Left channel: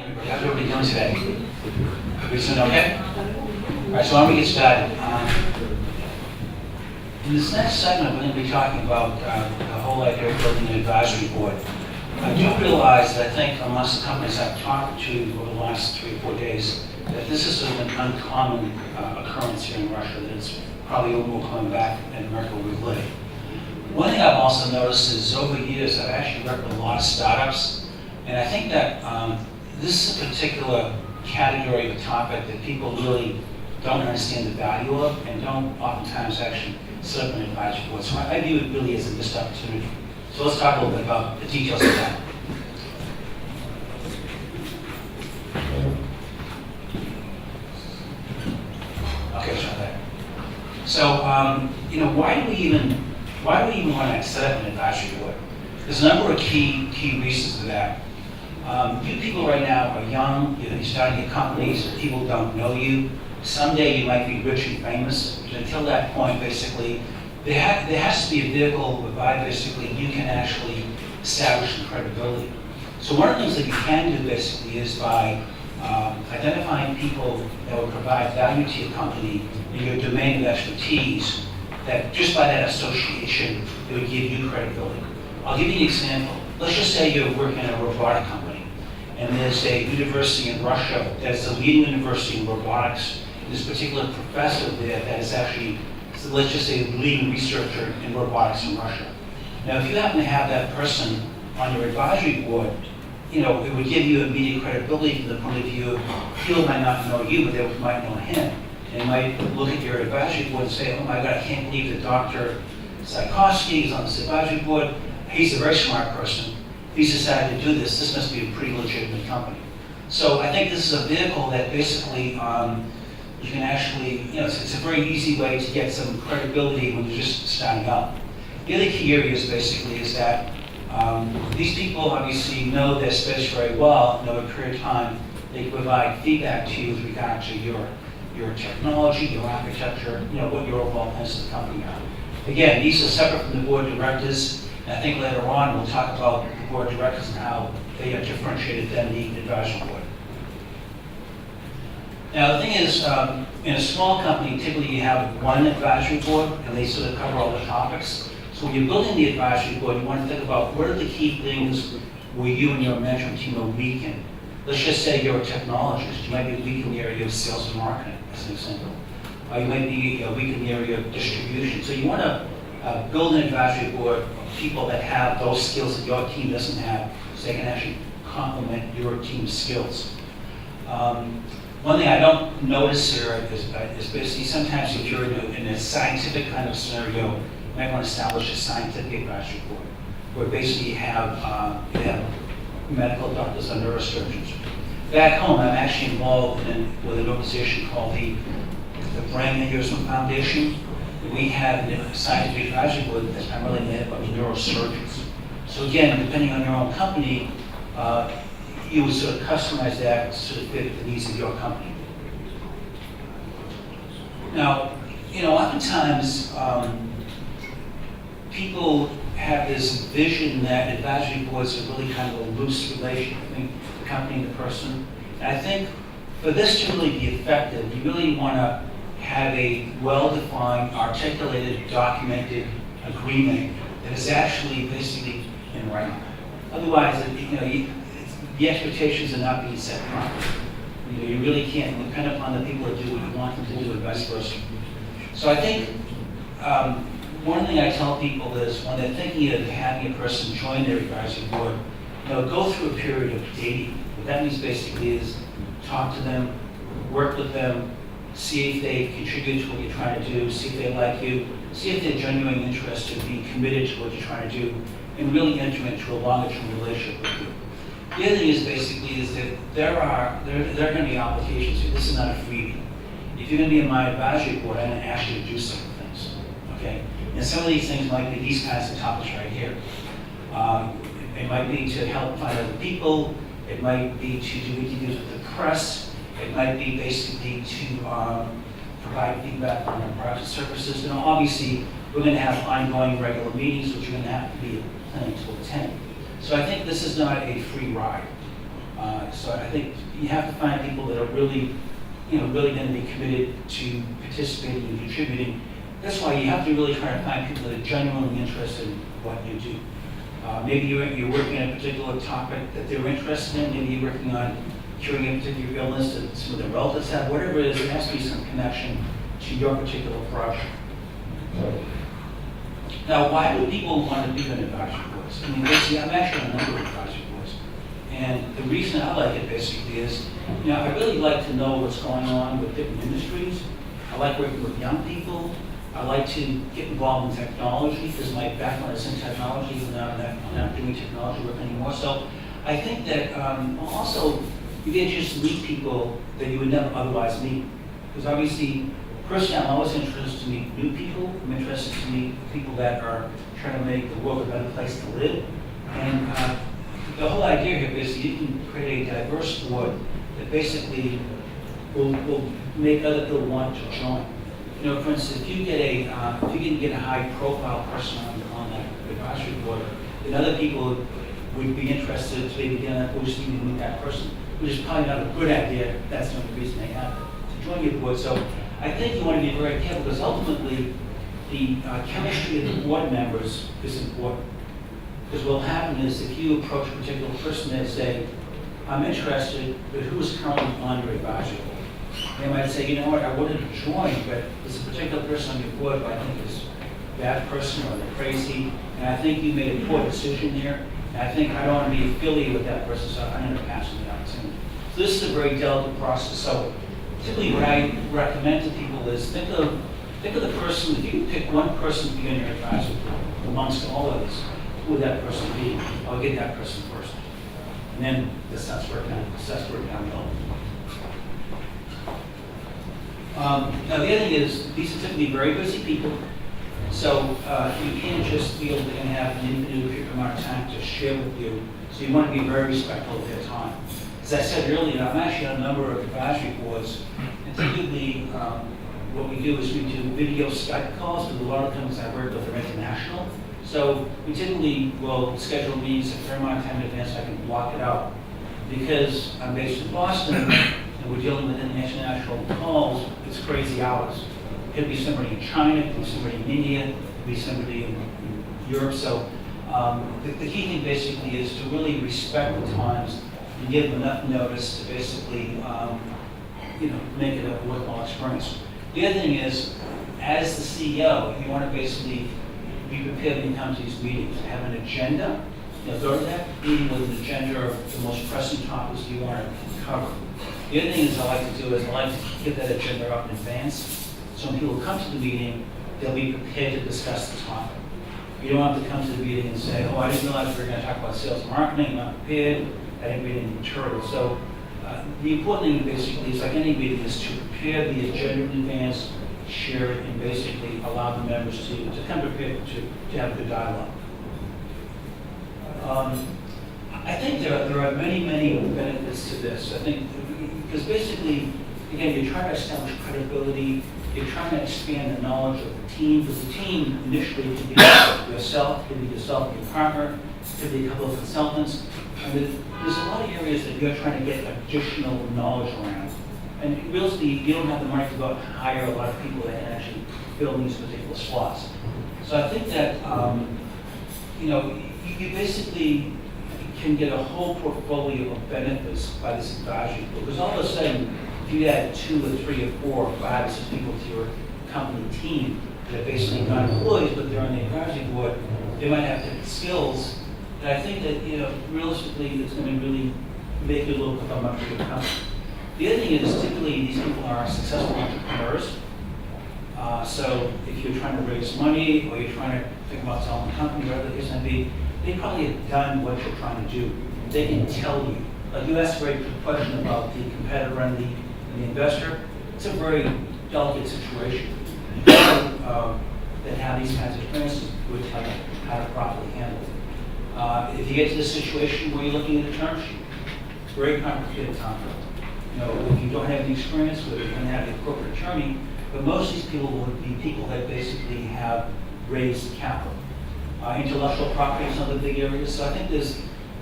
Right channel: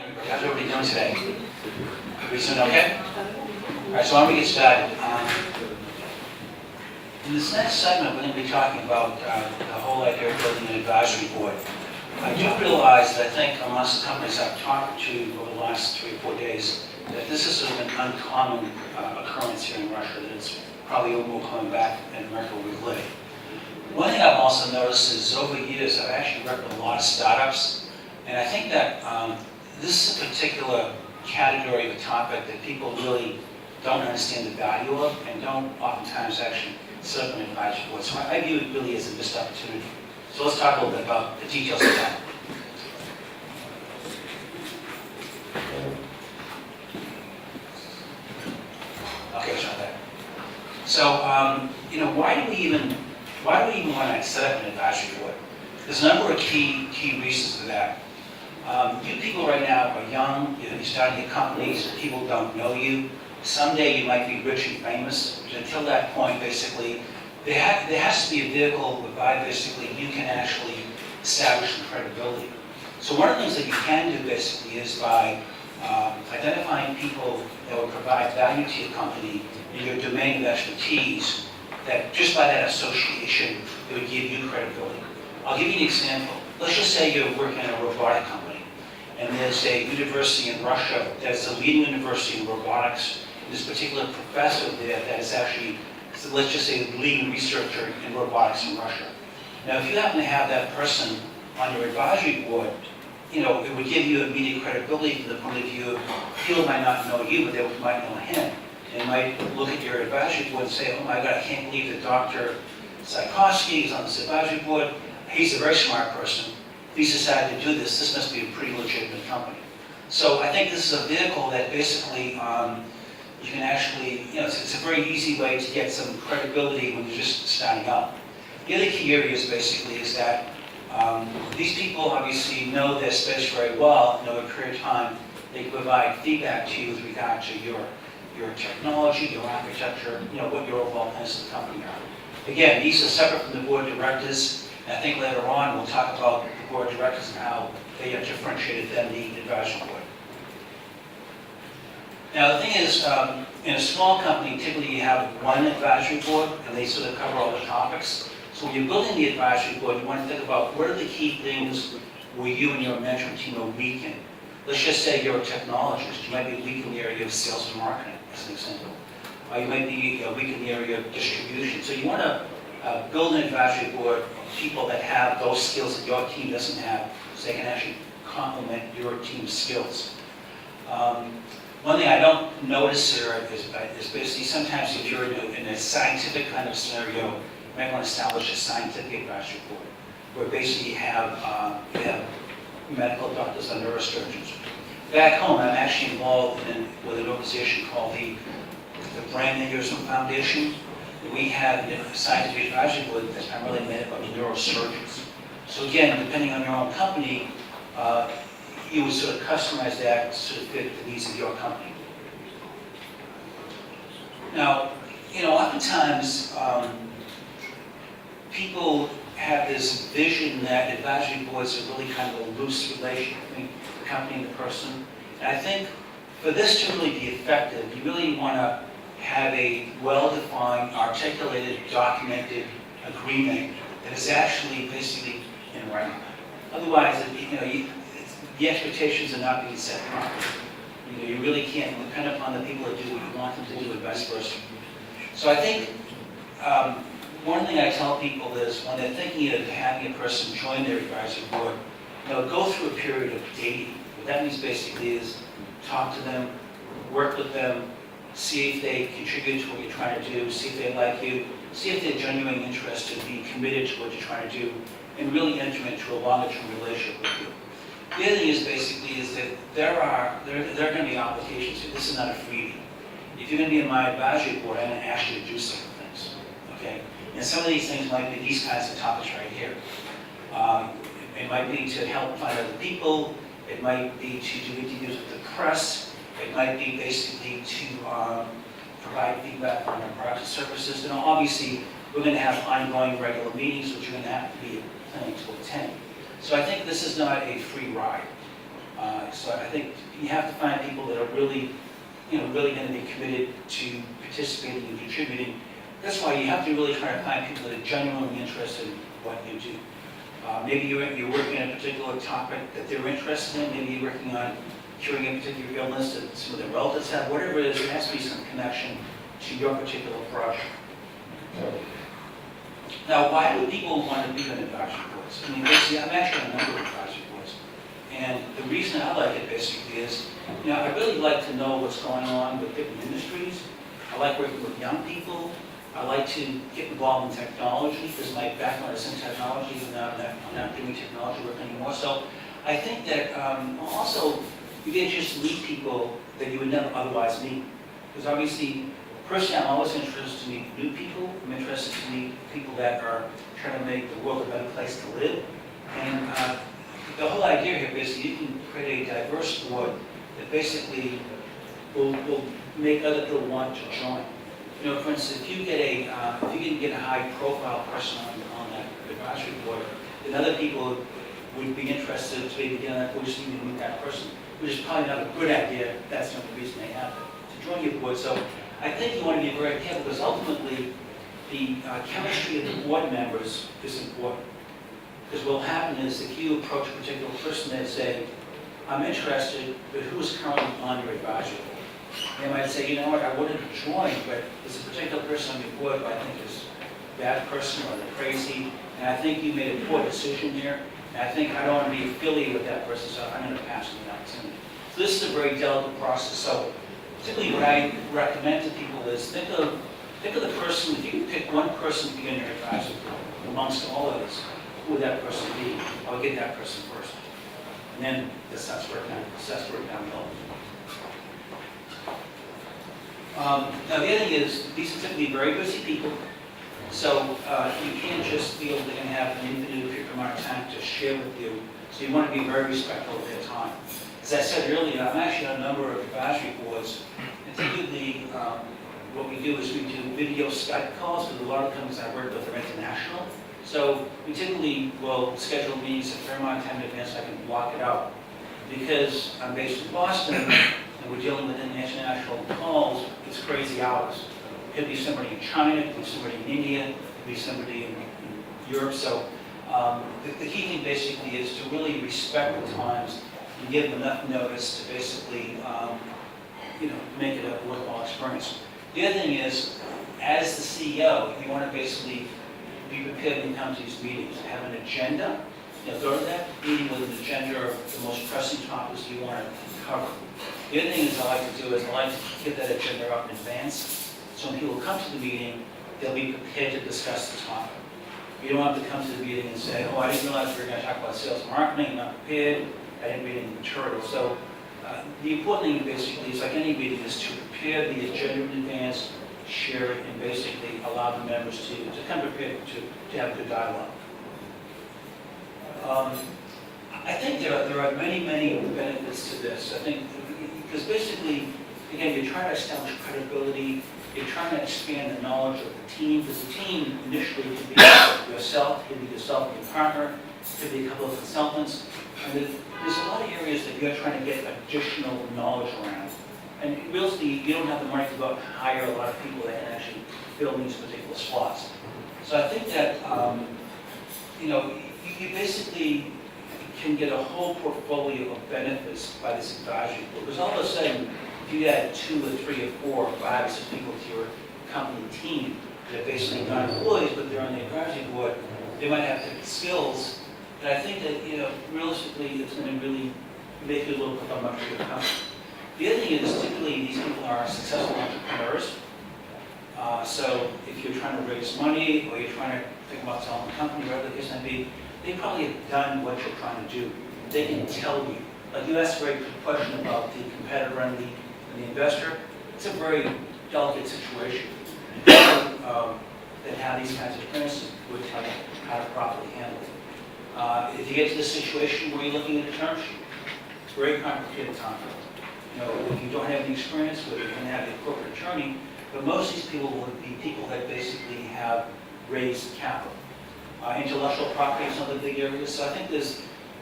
How's everybody doing today? Everybody doing okay? All right, so why don't we get started? In this next segment, we're going to be talking about the whole idea of building an advisory board. I do realize that I think amongst the companies I've talked to over the last 3 or 4 days, that this is sort of an uncommon occurrence here in Russia, that it's probably a little more coming back in America where we live. One thing I've also noticed is over the years, I've actually worked with a lot of startups, and I think that this is a particular category of a topic that people really don't understand the value of and don't oftentimes actually set up an advisory board. So I view it really as a missed opportunity. So let's talk a little bit about the details of that. Okay, so that. So, why do we even want to set up an advisory board? There's a number of key reasons for that. You people right now are young, you're starting your companies, people don't know you. Someday you might be rich and famous, but until that point, basically, there has to be a vehicle whereby basically you can actually establish some credibility. So one of the things that you can do basically is by identifying people that will provide value to your company in your domain of expertise, that just by that association, it would give you credibility. I'll give you an example. Let's just say you're working in a robotic company, and there's a university in Russia that's the leading university in robotics. There's a particular professor there that is actually, let's just say, the leading researcher in robotics in Russia. Now, if you happen to have that person on your advisory board, it would give you immediate credibility from the point of view of people might not know you, but they might know him. They might look at your advisory board and say, oh my God, I can't believe that Dr. Tchaikovsky is on this advisory board. He's a very smart person. He's decided to do this. This must be a pretty legitimate company. So I think this is a vehicle that basically you can actually, it's a very easy way to get some credibility when you're just starting out. The other key areas basically is that these people obviously know their space very well, and over a period of time, they can provide feedback to you with regard to your technology, your architecture, what your overall plans of the company are. Again, these are separate from the board of directors, and I think later on we'll talk about the board of directors and how they are differentiated than the advisory board. Now the thing is, in a small company, typically you have one advisory board, and they sort of cover all the topics. So when you're building the advisory board, you want to think about what are the key things where you and your management team are weak in. Let's just say you're a technologist. You might be weak in the area of sales and marketing, as an example. Or you might be weak in the area of distribution. So you want to build an advisory board of people that have those skills that your team doesn't have, so they can actually complement your team's skills. One thing I don't notice here is basically sometimes if you're in a scientific kind of scenario, you might want to establish a scientific advisory board, where basically you have medical doctors and neurosurgeons. Back home, I'm actually involved with an organization called the Brain Aneurysm Foundation. We have a scientific advisory board that's primarily made up of neurosurgeons. So again, depending on your own company, you would sort of customize that to sort of fit the needs of your company. Now, oftentimes people have this vision that advisory boards are really kind of a loose relation between the company and the person. And I think for this to really be effective, you really want to have a well-defined, articulated, documented agreement that is actually basically in writing. Otherwise, the expectations are not being set properly. You really can't depend upon the people that do what you want them to do and vice versa. So I think one thing I tell people is when they're thinking of having a person join their advisory board, go through a period of dating. What that means basically is talk to them, work with them, see if they contribute to what you're trying to do, see if they like you, see if they're genuinely interested in being committed to what you're trying to do, and really enter into a longer-term relationship with you. The other thing is basically is that there are going to be obligations here. This is not a freebie. If you're going to be in my advisory board, I'm going to ask you to do certain things. Okay? And some of these things might be these kinds of topics right here. It might be to help find other people. It might be to do interviews with the press. It might be basically to provide feedback on our products and services. And obviously, we're going to have ongoing regular meetings, which you're going to have to be planning to attend. So I think this is not a free ride. So I think you have to find people that are really, really going to be committed to participating and contributing. That's why you have to really try to find people that are genuinely interested in what you do. Maybe you're working on a particular topic that they're interested in. Maybe you're working on curing a particular illness that some of their relatives have. Whatever it is, there has to be some connection to your particular project. Now, why would people want to be on advisory boards? I mean, basically, I'm actually on a number of advisory boards. And the reason I like it basically is, I really like to know what's going on with different industries. I like working with young people. I like to get involved in technology because my background is in technology, even though I'm not doing technology work anymore. So I think that also you get just to meet people that you would never otherwise meet. Because obviously, personally, I'm always interested to meet new people. I'm interested to meet people that are trying to make the world a better place to live. And the whole idea here is you can create a diverse board that basically will make other people want to join. For instance, if you can get a high-profile person on that advisory board, then other people would be interested to maybe get on that board just even meet that person, which is probably not a good idea. That's not the reason they have to join your board. So I think you want to be very careful because ultimately the chemistry of the board members is important. Because what will happen is if you approach a particular person and say, I'm interested, but who is currently on your advisory board? They might say, you know what, I wanted to join, but there's a particular person on your board who I think is a bad person or they're crazy, and I think you made a poor decision here, and I think I don't want to be affiliated with that person, so I'm going to pass on the opportunity. So this is a very delicate process. So typically what I recommend to people is think of the person, if you can pick one person to be on your advisory board amongst all of us, who would that person be? I'll get that person first. And then assess where it down the hill. Now the other thing is, these are typically very busy people, so you can't just feel they're going to have an infinite amount of time to share with you, so you want to be very respectful of their time. As I said earlier, I'm actually on a number of advisory boards, and typically what we do is we do video Skype calls, because a lot of companies I work with are international, so we typically will schedule meetings a fair amount of time in advance so I can block it out. Because I'm based in Boston, and we're dealing with international calls, it's crazy hours. It could be somebody in China, it could be somebody in India, it could be somebody in Europe. So the key thing basically is to really respect the times and give them enough notice to basically make it a worthwhile experience. The other thing is, as the CEO, you want to basically be prepared when you come to these meetings. Have an agenda. Go to that meeting with an agenda of the most pressing topics you want to cover. The other thing is I like to do is I like to get that agenda up in advance. So when people come to the meeting, they'll be prepared to discuss the topic. You don't have to come to the meeting and say, oh, I didn't realize we were going to talk about sales and marketing, I'm not prepared, I didn't read any material. So the important thing basically is, like any meeting, is to prepare the agenda in advance, share it, and basically allow the members to come prepared to have a good dialogue. I think there are many benefits to this. I think because basically, again, you're trying to establish credibility, you're trying to expand the knowledge of the team, because the team initially could be yourself, could be yourself and your partner, could be a couple of consultants. And there's a lot of areas that you're trying to get additional knowledge around. And really, you don't have the money to go out and hire a lot of people that can actually fill these particular slots. So I think that, you basically can get a whole portfolio of benefits by this advisory board. Because all of a sudden, if you add 2 or 3 or 4 or 5 or 6 people to your company team that are basically not employees, but they're on the advisory board, they might have different skills. And I think that, realistically, it's going to really make you look like a much bigger company. The other thing is, typically, these people are successful entrepreneurs. So if you're trying to raise money, or you're trying to think about selling a company, whatever the case may be, they probably have done what you're trying to do. They can tell you. Like you asked a very good question about the competitor and the investor. It's a very delicate situation. People that have these kinds of experiences would tell you how to properly handle it. If you get to this situation where you're looking at a term sheet, it's a very complicated topic. If you don't have any experience with it, you can have the corporate attorney, but most of these people would be people that basically have raised capital. Intellectual property is another big area. So I think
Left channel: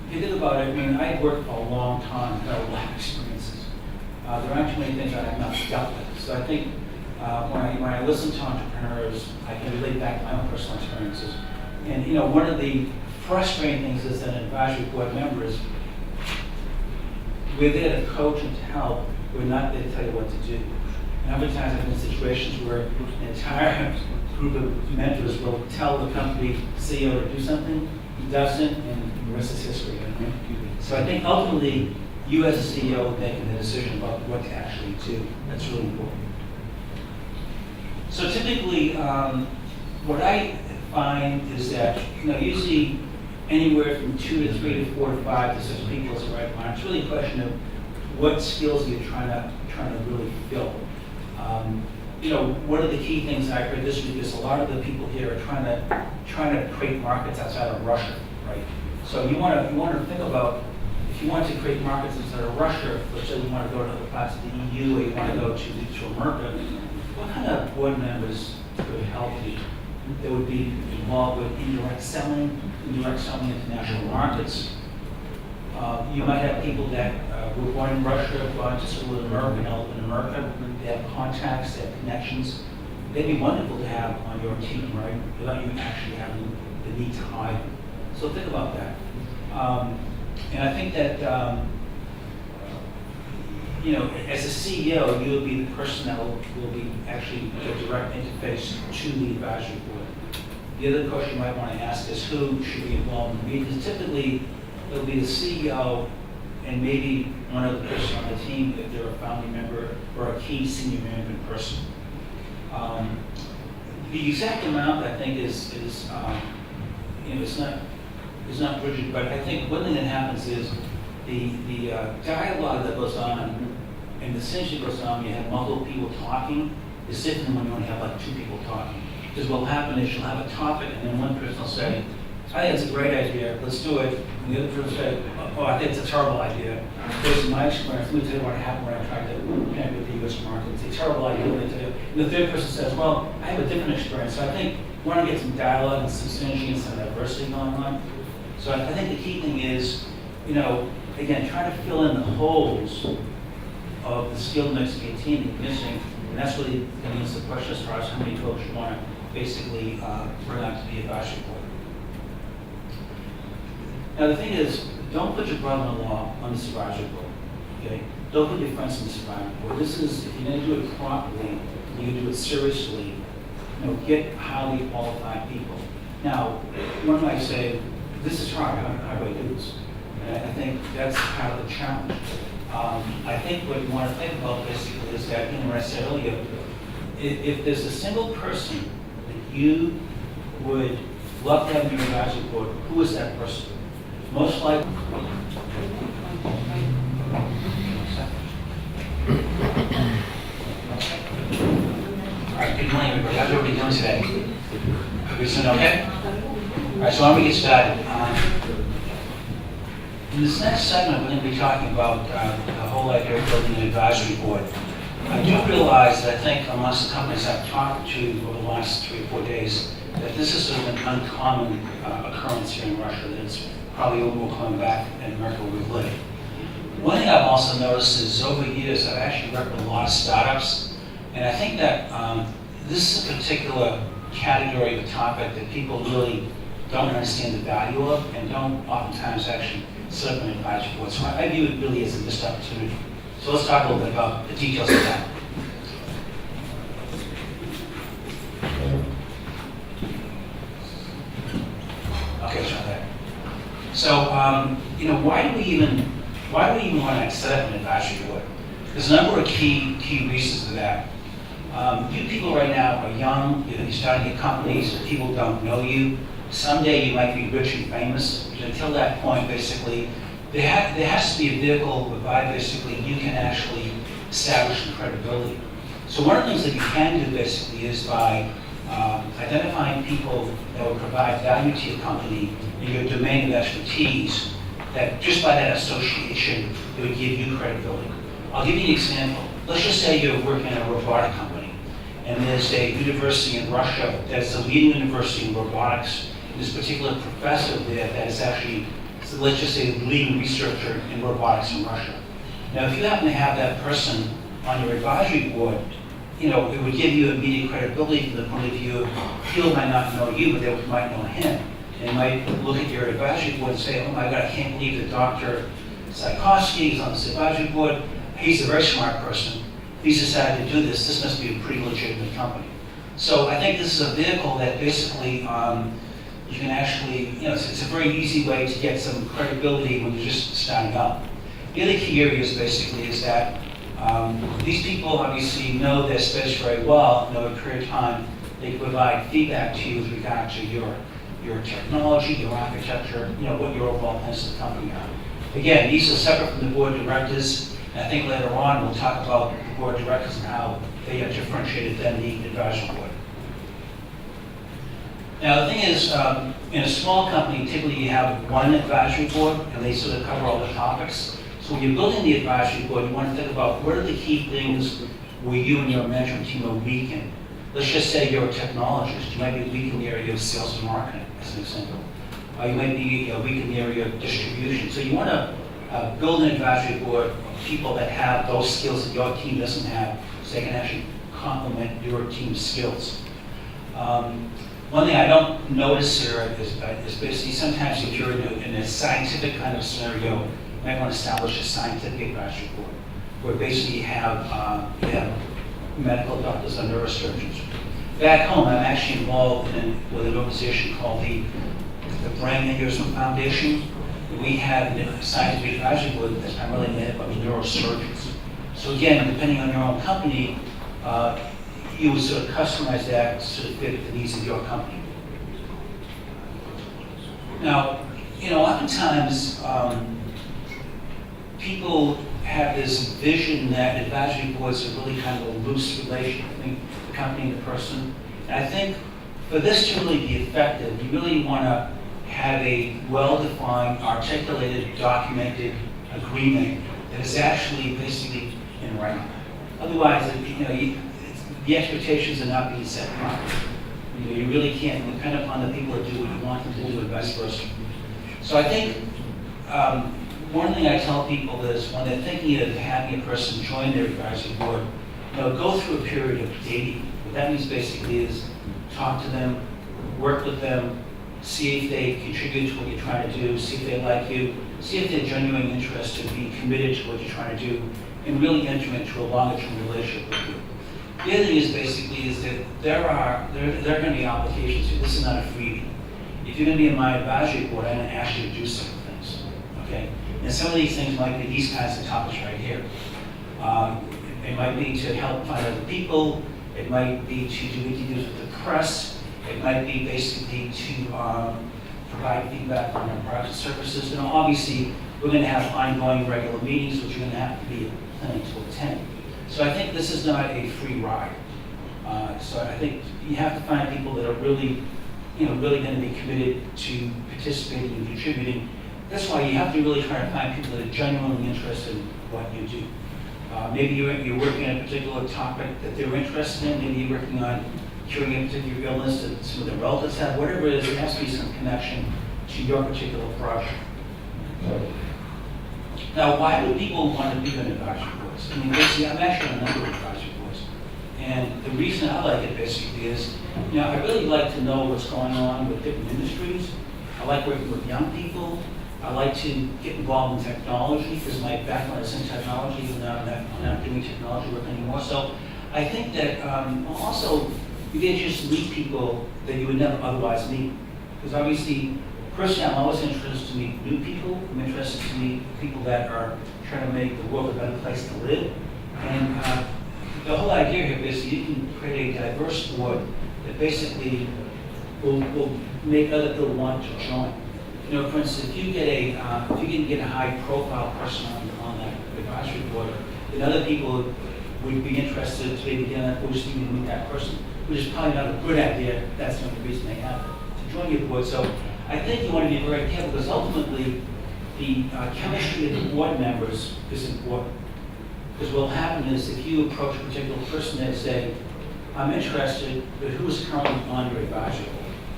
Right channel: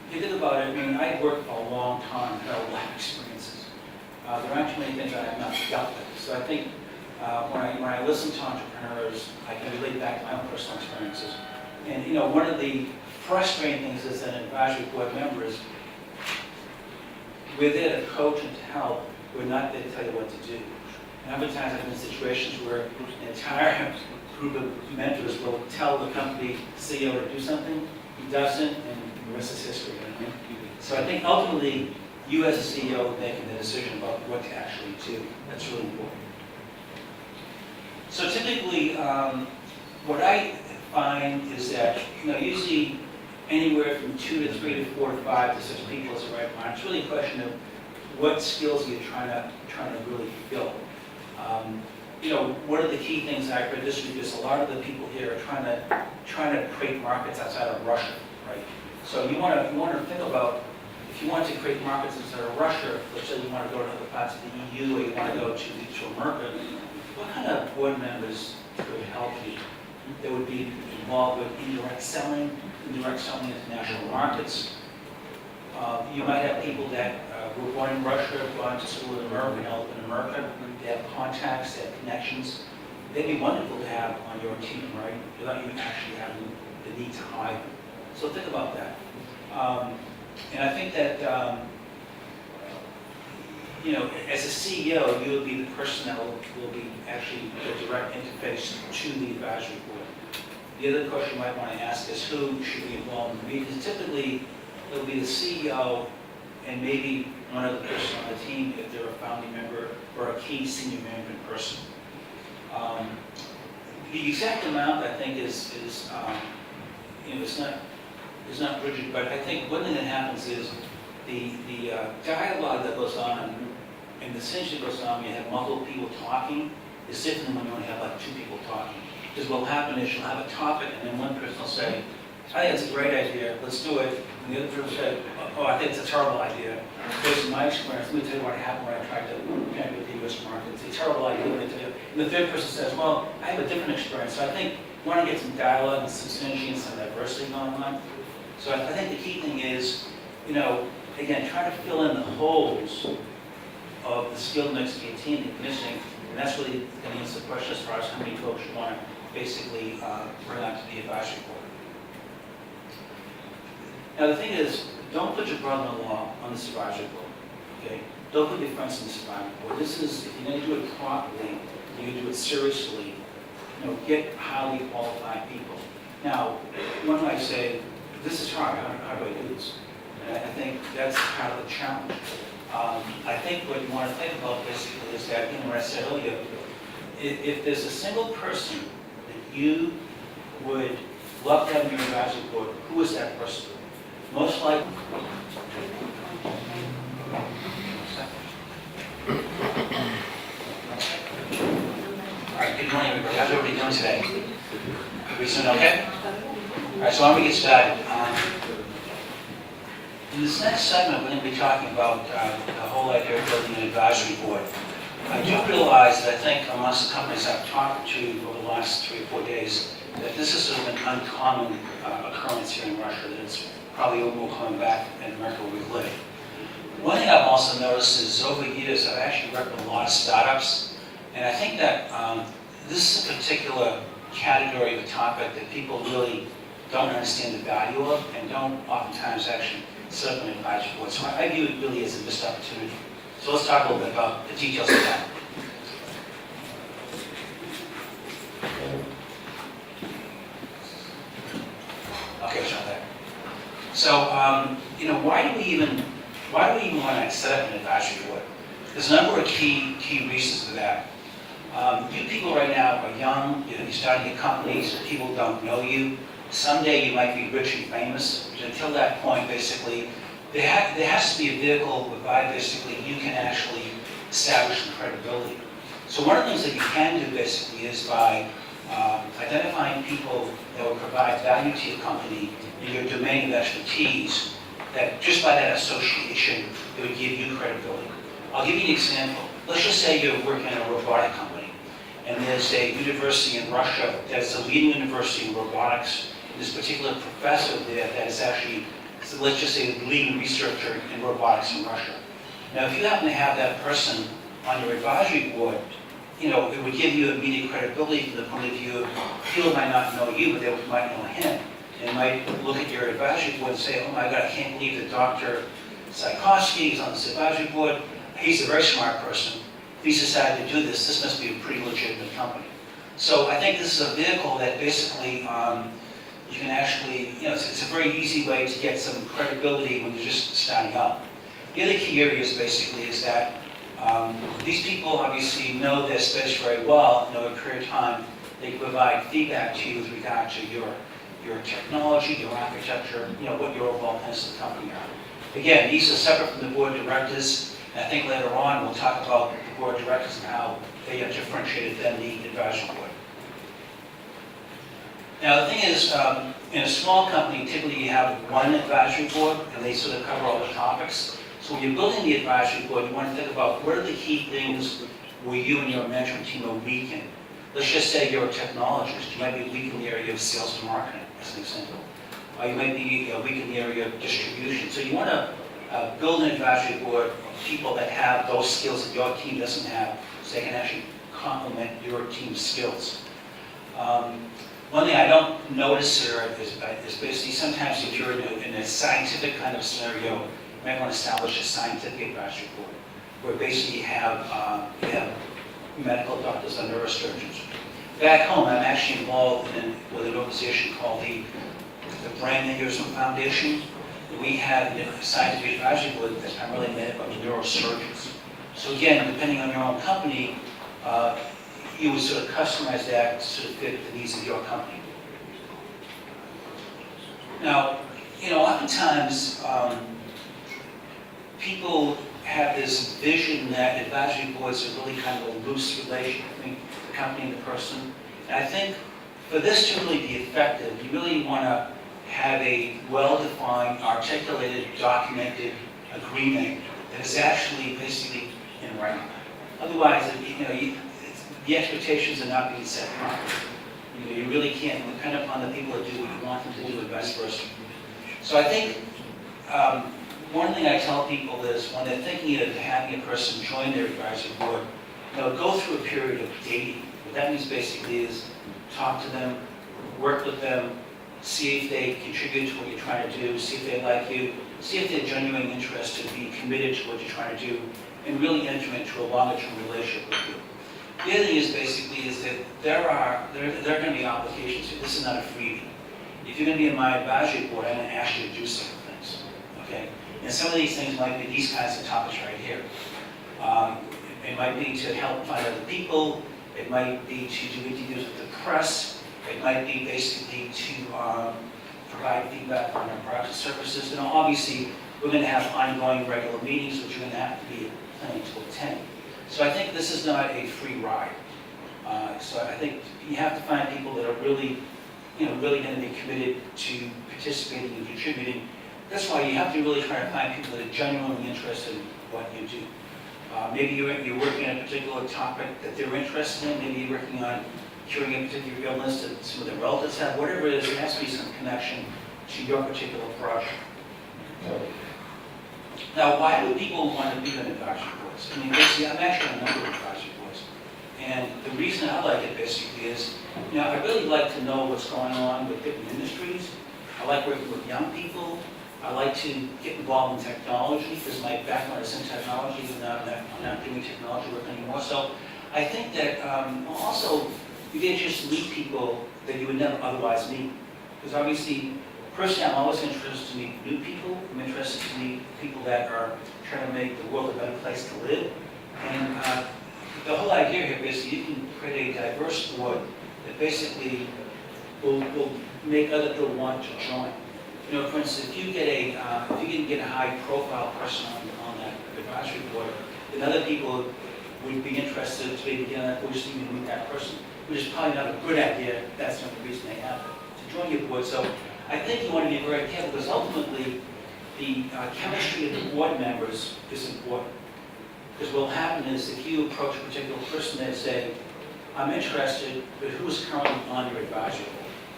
if you think about it, I mean, I've worked for a long time, had a lot of experiences. There aren't too many things I have not dealt with. So I think when I listen to entrepreneurs, I can relate back to my own personal experiences. And you know, one of the frustrating things as an advisory board member is we're there to coach and to help. We're not there to tell you what to do. And other times I've been in situations where an entire group of mentors will tell the company CEO to do something, he doesn't, and the rest is history. So I think ultimately, you as a CEO making the decision about what to actually do. That's really important. So typically, what I find is that usually anywhere from 2 to 3 to 4 to 5 to 6 people is the right amount. It's really a question of what skills you're trying to really fill. What are the key things I heard this week is a lot of the people here are trying to create markets outside of Russia, right? So you want to think about if you want to create markets outside of Russia. Let's say you want to go to other parts of the EU, or you want to go to America. What kind of board members could help you? That would be involved with indirect selling international markets. You might have people that were born in Russia, gone to school in America, and help in America. They have contacts, they have connections. They'd be wonderful to have on your team, right? Without you actually having the need to hire them. So think about that. And I think that, as a CEO, you will be the person that will be actually the direct interface to the advisory board. The other question you might want to ask is who should be involved in the meetings. Typically, it'll be the CEO and maybe one other person on the team if they're a family member or a key senior management person. The exact amount, I think, is it's not rigid, but I think one thing that happens is the dialogue that goes on and the synergy that goes on when you have multiple people talking is different than when you only have like 2 people talking. Because what will happen is you'll have a topic and then one person will say, I think it's a great idea, let's do it. And the other person will say, oh, I think it's a terrible idea. Based on my experience, let me tell you what happened when I tried to connect with the US market. It's a terrible idea, let me tell you. And the third person says, well, I have a different experience. So I think we want to get some dialogue and some synergy and some diversity going on. So I think the key thing is, again, trying to fill in the holes of the skill mix of your team that you're missing. And that's really going to answer the question as far as how many folks you want to basically bring onto the advisory board. Now the thing is, don't put your brother-in-law on this advisory board, okay? Don't put your friends on this advisory board. This is, if you're going to do it properly, you're going to do it seriously, get highly qualified people. Now, one might say, this is hard, how do I do this? And I think that's part of the challenge. I think what you want to think about basically is that, what I said earlier, if there's a single person that you would love to have in your advisory board, who is that person? Most likely. All right, good morning, everybody. How's everybody doing today? Everybody doing okay? All right, so why don't we get started? In this next segment, we're going to be talking about the whole idea of building an advisory board. I do realize that I think amongst the companies I've talked to over the last 3 or 4 days, that this is sort of an uncommon occurrence here in Russia, that it's probably a little more coming back in America where we live. One thing I've also noticed is over the years, I've actually worked with a lot of startups, and I think that this is a particular category of a topic that people really don't understand the value of and don't oftentimes actually set up an advisory board. So I view it really as a missed opportunity. So let's talk a little bit about the details of that. Okay, Chantal. So, why do we even want to set up an advisory board? There's a number of key reasons for that. You people right now are young, you're starting your companies, people don't know you. Someday you might be rich and famous. Until that point, basically, there has to be a vehicle whereby basically you can actually establish some credibility. So one of the things that you can do basically is by identifying people that will provide value to your company in your domain of expertise, that just by that association, it would give you credibility. I'll give you an example. Let's just say you're working in a robotic company, and there's a university in Russia that's a leading university in robotics. There's a particular professor there that is actually so let's just say, the leading researcher in robotics in Russia. Now, if you happen to have that person on your advisory board, it would give you immediate credibility from the point of view of people might not know you, but they might know him. They might look at your advisory board and say, oh my God, I can't believe that Dr. Tchaikovsky is on this advisory board. He's a very smart person. If he's decided to do this, this must be a pretty legitimate company. So I think this is a vehicle that basically you can actually, it's a very easy way to get some credibility when you're just starting out. The other key areas basically is that these people obviously know their space very well, and over a period of time they can provide feedback to you with regard to your technology, your architecture, what your overall plans of the company are. Again, these are separate from the board of directors, and I think later on we'll talk about the board of directors and how they are differentiated than the advisory board. Now the thing is, in a small company, typically you have one advisory board, and they sort of cover all the topics. So when you're building the advisory board, you want to think about what are the key things where you and your management team are weak in. Let's just say you're a technologist. You might be weak in the area of sales and marketing, as an example. You might be weak in the area of distribution. So you want to build an advisory board of people that have those skills that your team doesn't have, so they can actually complement your team's skills. One thing I don't notice here is basically sometimes if you're in a scientific kind of scenario, you might want to establish a scientific advisory board, where basically you have medical doctors and neurosurgeons. Back home, I'm actually involved with an organization called the Brain Aneurysm Foundation. We have a scientific advisory board that's primarily made up of neurosurgeons. So again, depending on your own company, you would sort of customize that to sort of fit the needs of your company. Now, oftentimes people have this vision that advisory boards are really kind of a loose relation between the company and the person. And I think for this to really be effective, you really want to have a well-defined, articulated, documented agreement that is actually basically in writing. Otherwise, the expectations are not being set properly. You really can't depend upon the people to do what you want them to do and vice versa. So I think one thing I tell people is when they're thinking of having a person join their advisory board, go through a period of dating. What that means basically is talk to them, work with them, see if they contribute to what you're trying to do, see if they like you, see if they're genuinely interested, be committed to what you're trying to do, and really enter into a longer-term relationship with you. The other thing is basically is that there are going to be obligations here. This is not a freebie. If you're going to be in my advisory board, I'm going to ask you to do certain things. Okay? And some of these things might be these kinds of topics right here. It might be to help find other people. It might be to do interviews with the press. It might be basically to provide feedback on our products and services. Obviously, we're going to have ongoing regular meetings, which you're going to have to be planning to attend. So I think this is not a free ride. So I think you have to find people that are really going to be committed to participating and contributing. That's why you have to really try to find people that are genuinely interested in what you do. Maybe you're working on a particular topic that they're interested in. Maybe you're working on curing a particular illness that some of their relatives have. Whatever it is, there has to be some connection to your particular project. Now, why do people want to be on advisory boards? I mean, basically, I'm actually on a number of advisory boards. And the reason I like it basically is, I really like to know what's going on with different industries. I like working with young people. I like to get involved in technology because my background is in technology, even though I'm not doing technology work anymore. So I think that also you get a chance to meet people that you would never otherwise meet. Because obviously, personally, I'm always interested to meet new people. I'm interested to meet people that are trying to make the world a better place to live. And the whole idea here is you can create a diverse board that basically will make other people want to join. For instance, if you can get a high-profile person on that advisory board, then other people would be interested to maybe get on that board just even to meet that person, which is probably not a good idea. That's not the reason they have to join your board. So I think you want to be very careful because ultimately the chemistry of the board members is important. Because what will happen is if you approach a particular person and say, I'm interested, but who's currently on your advisory board?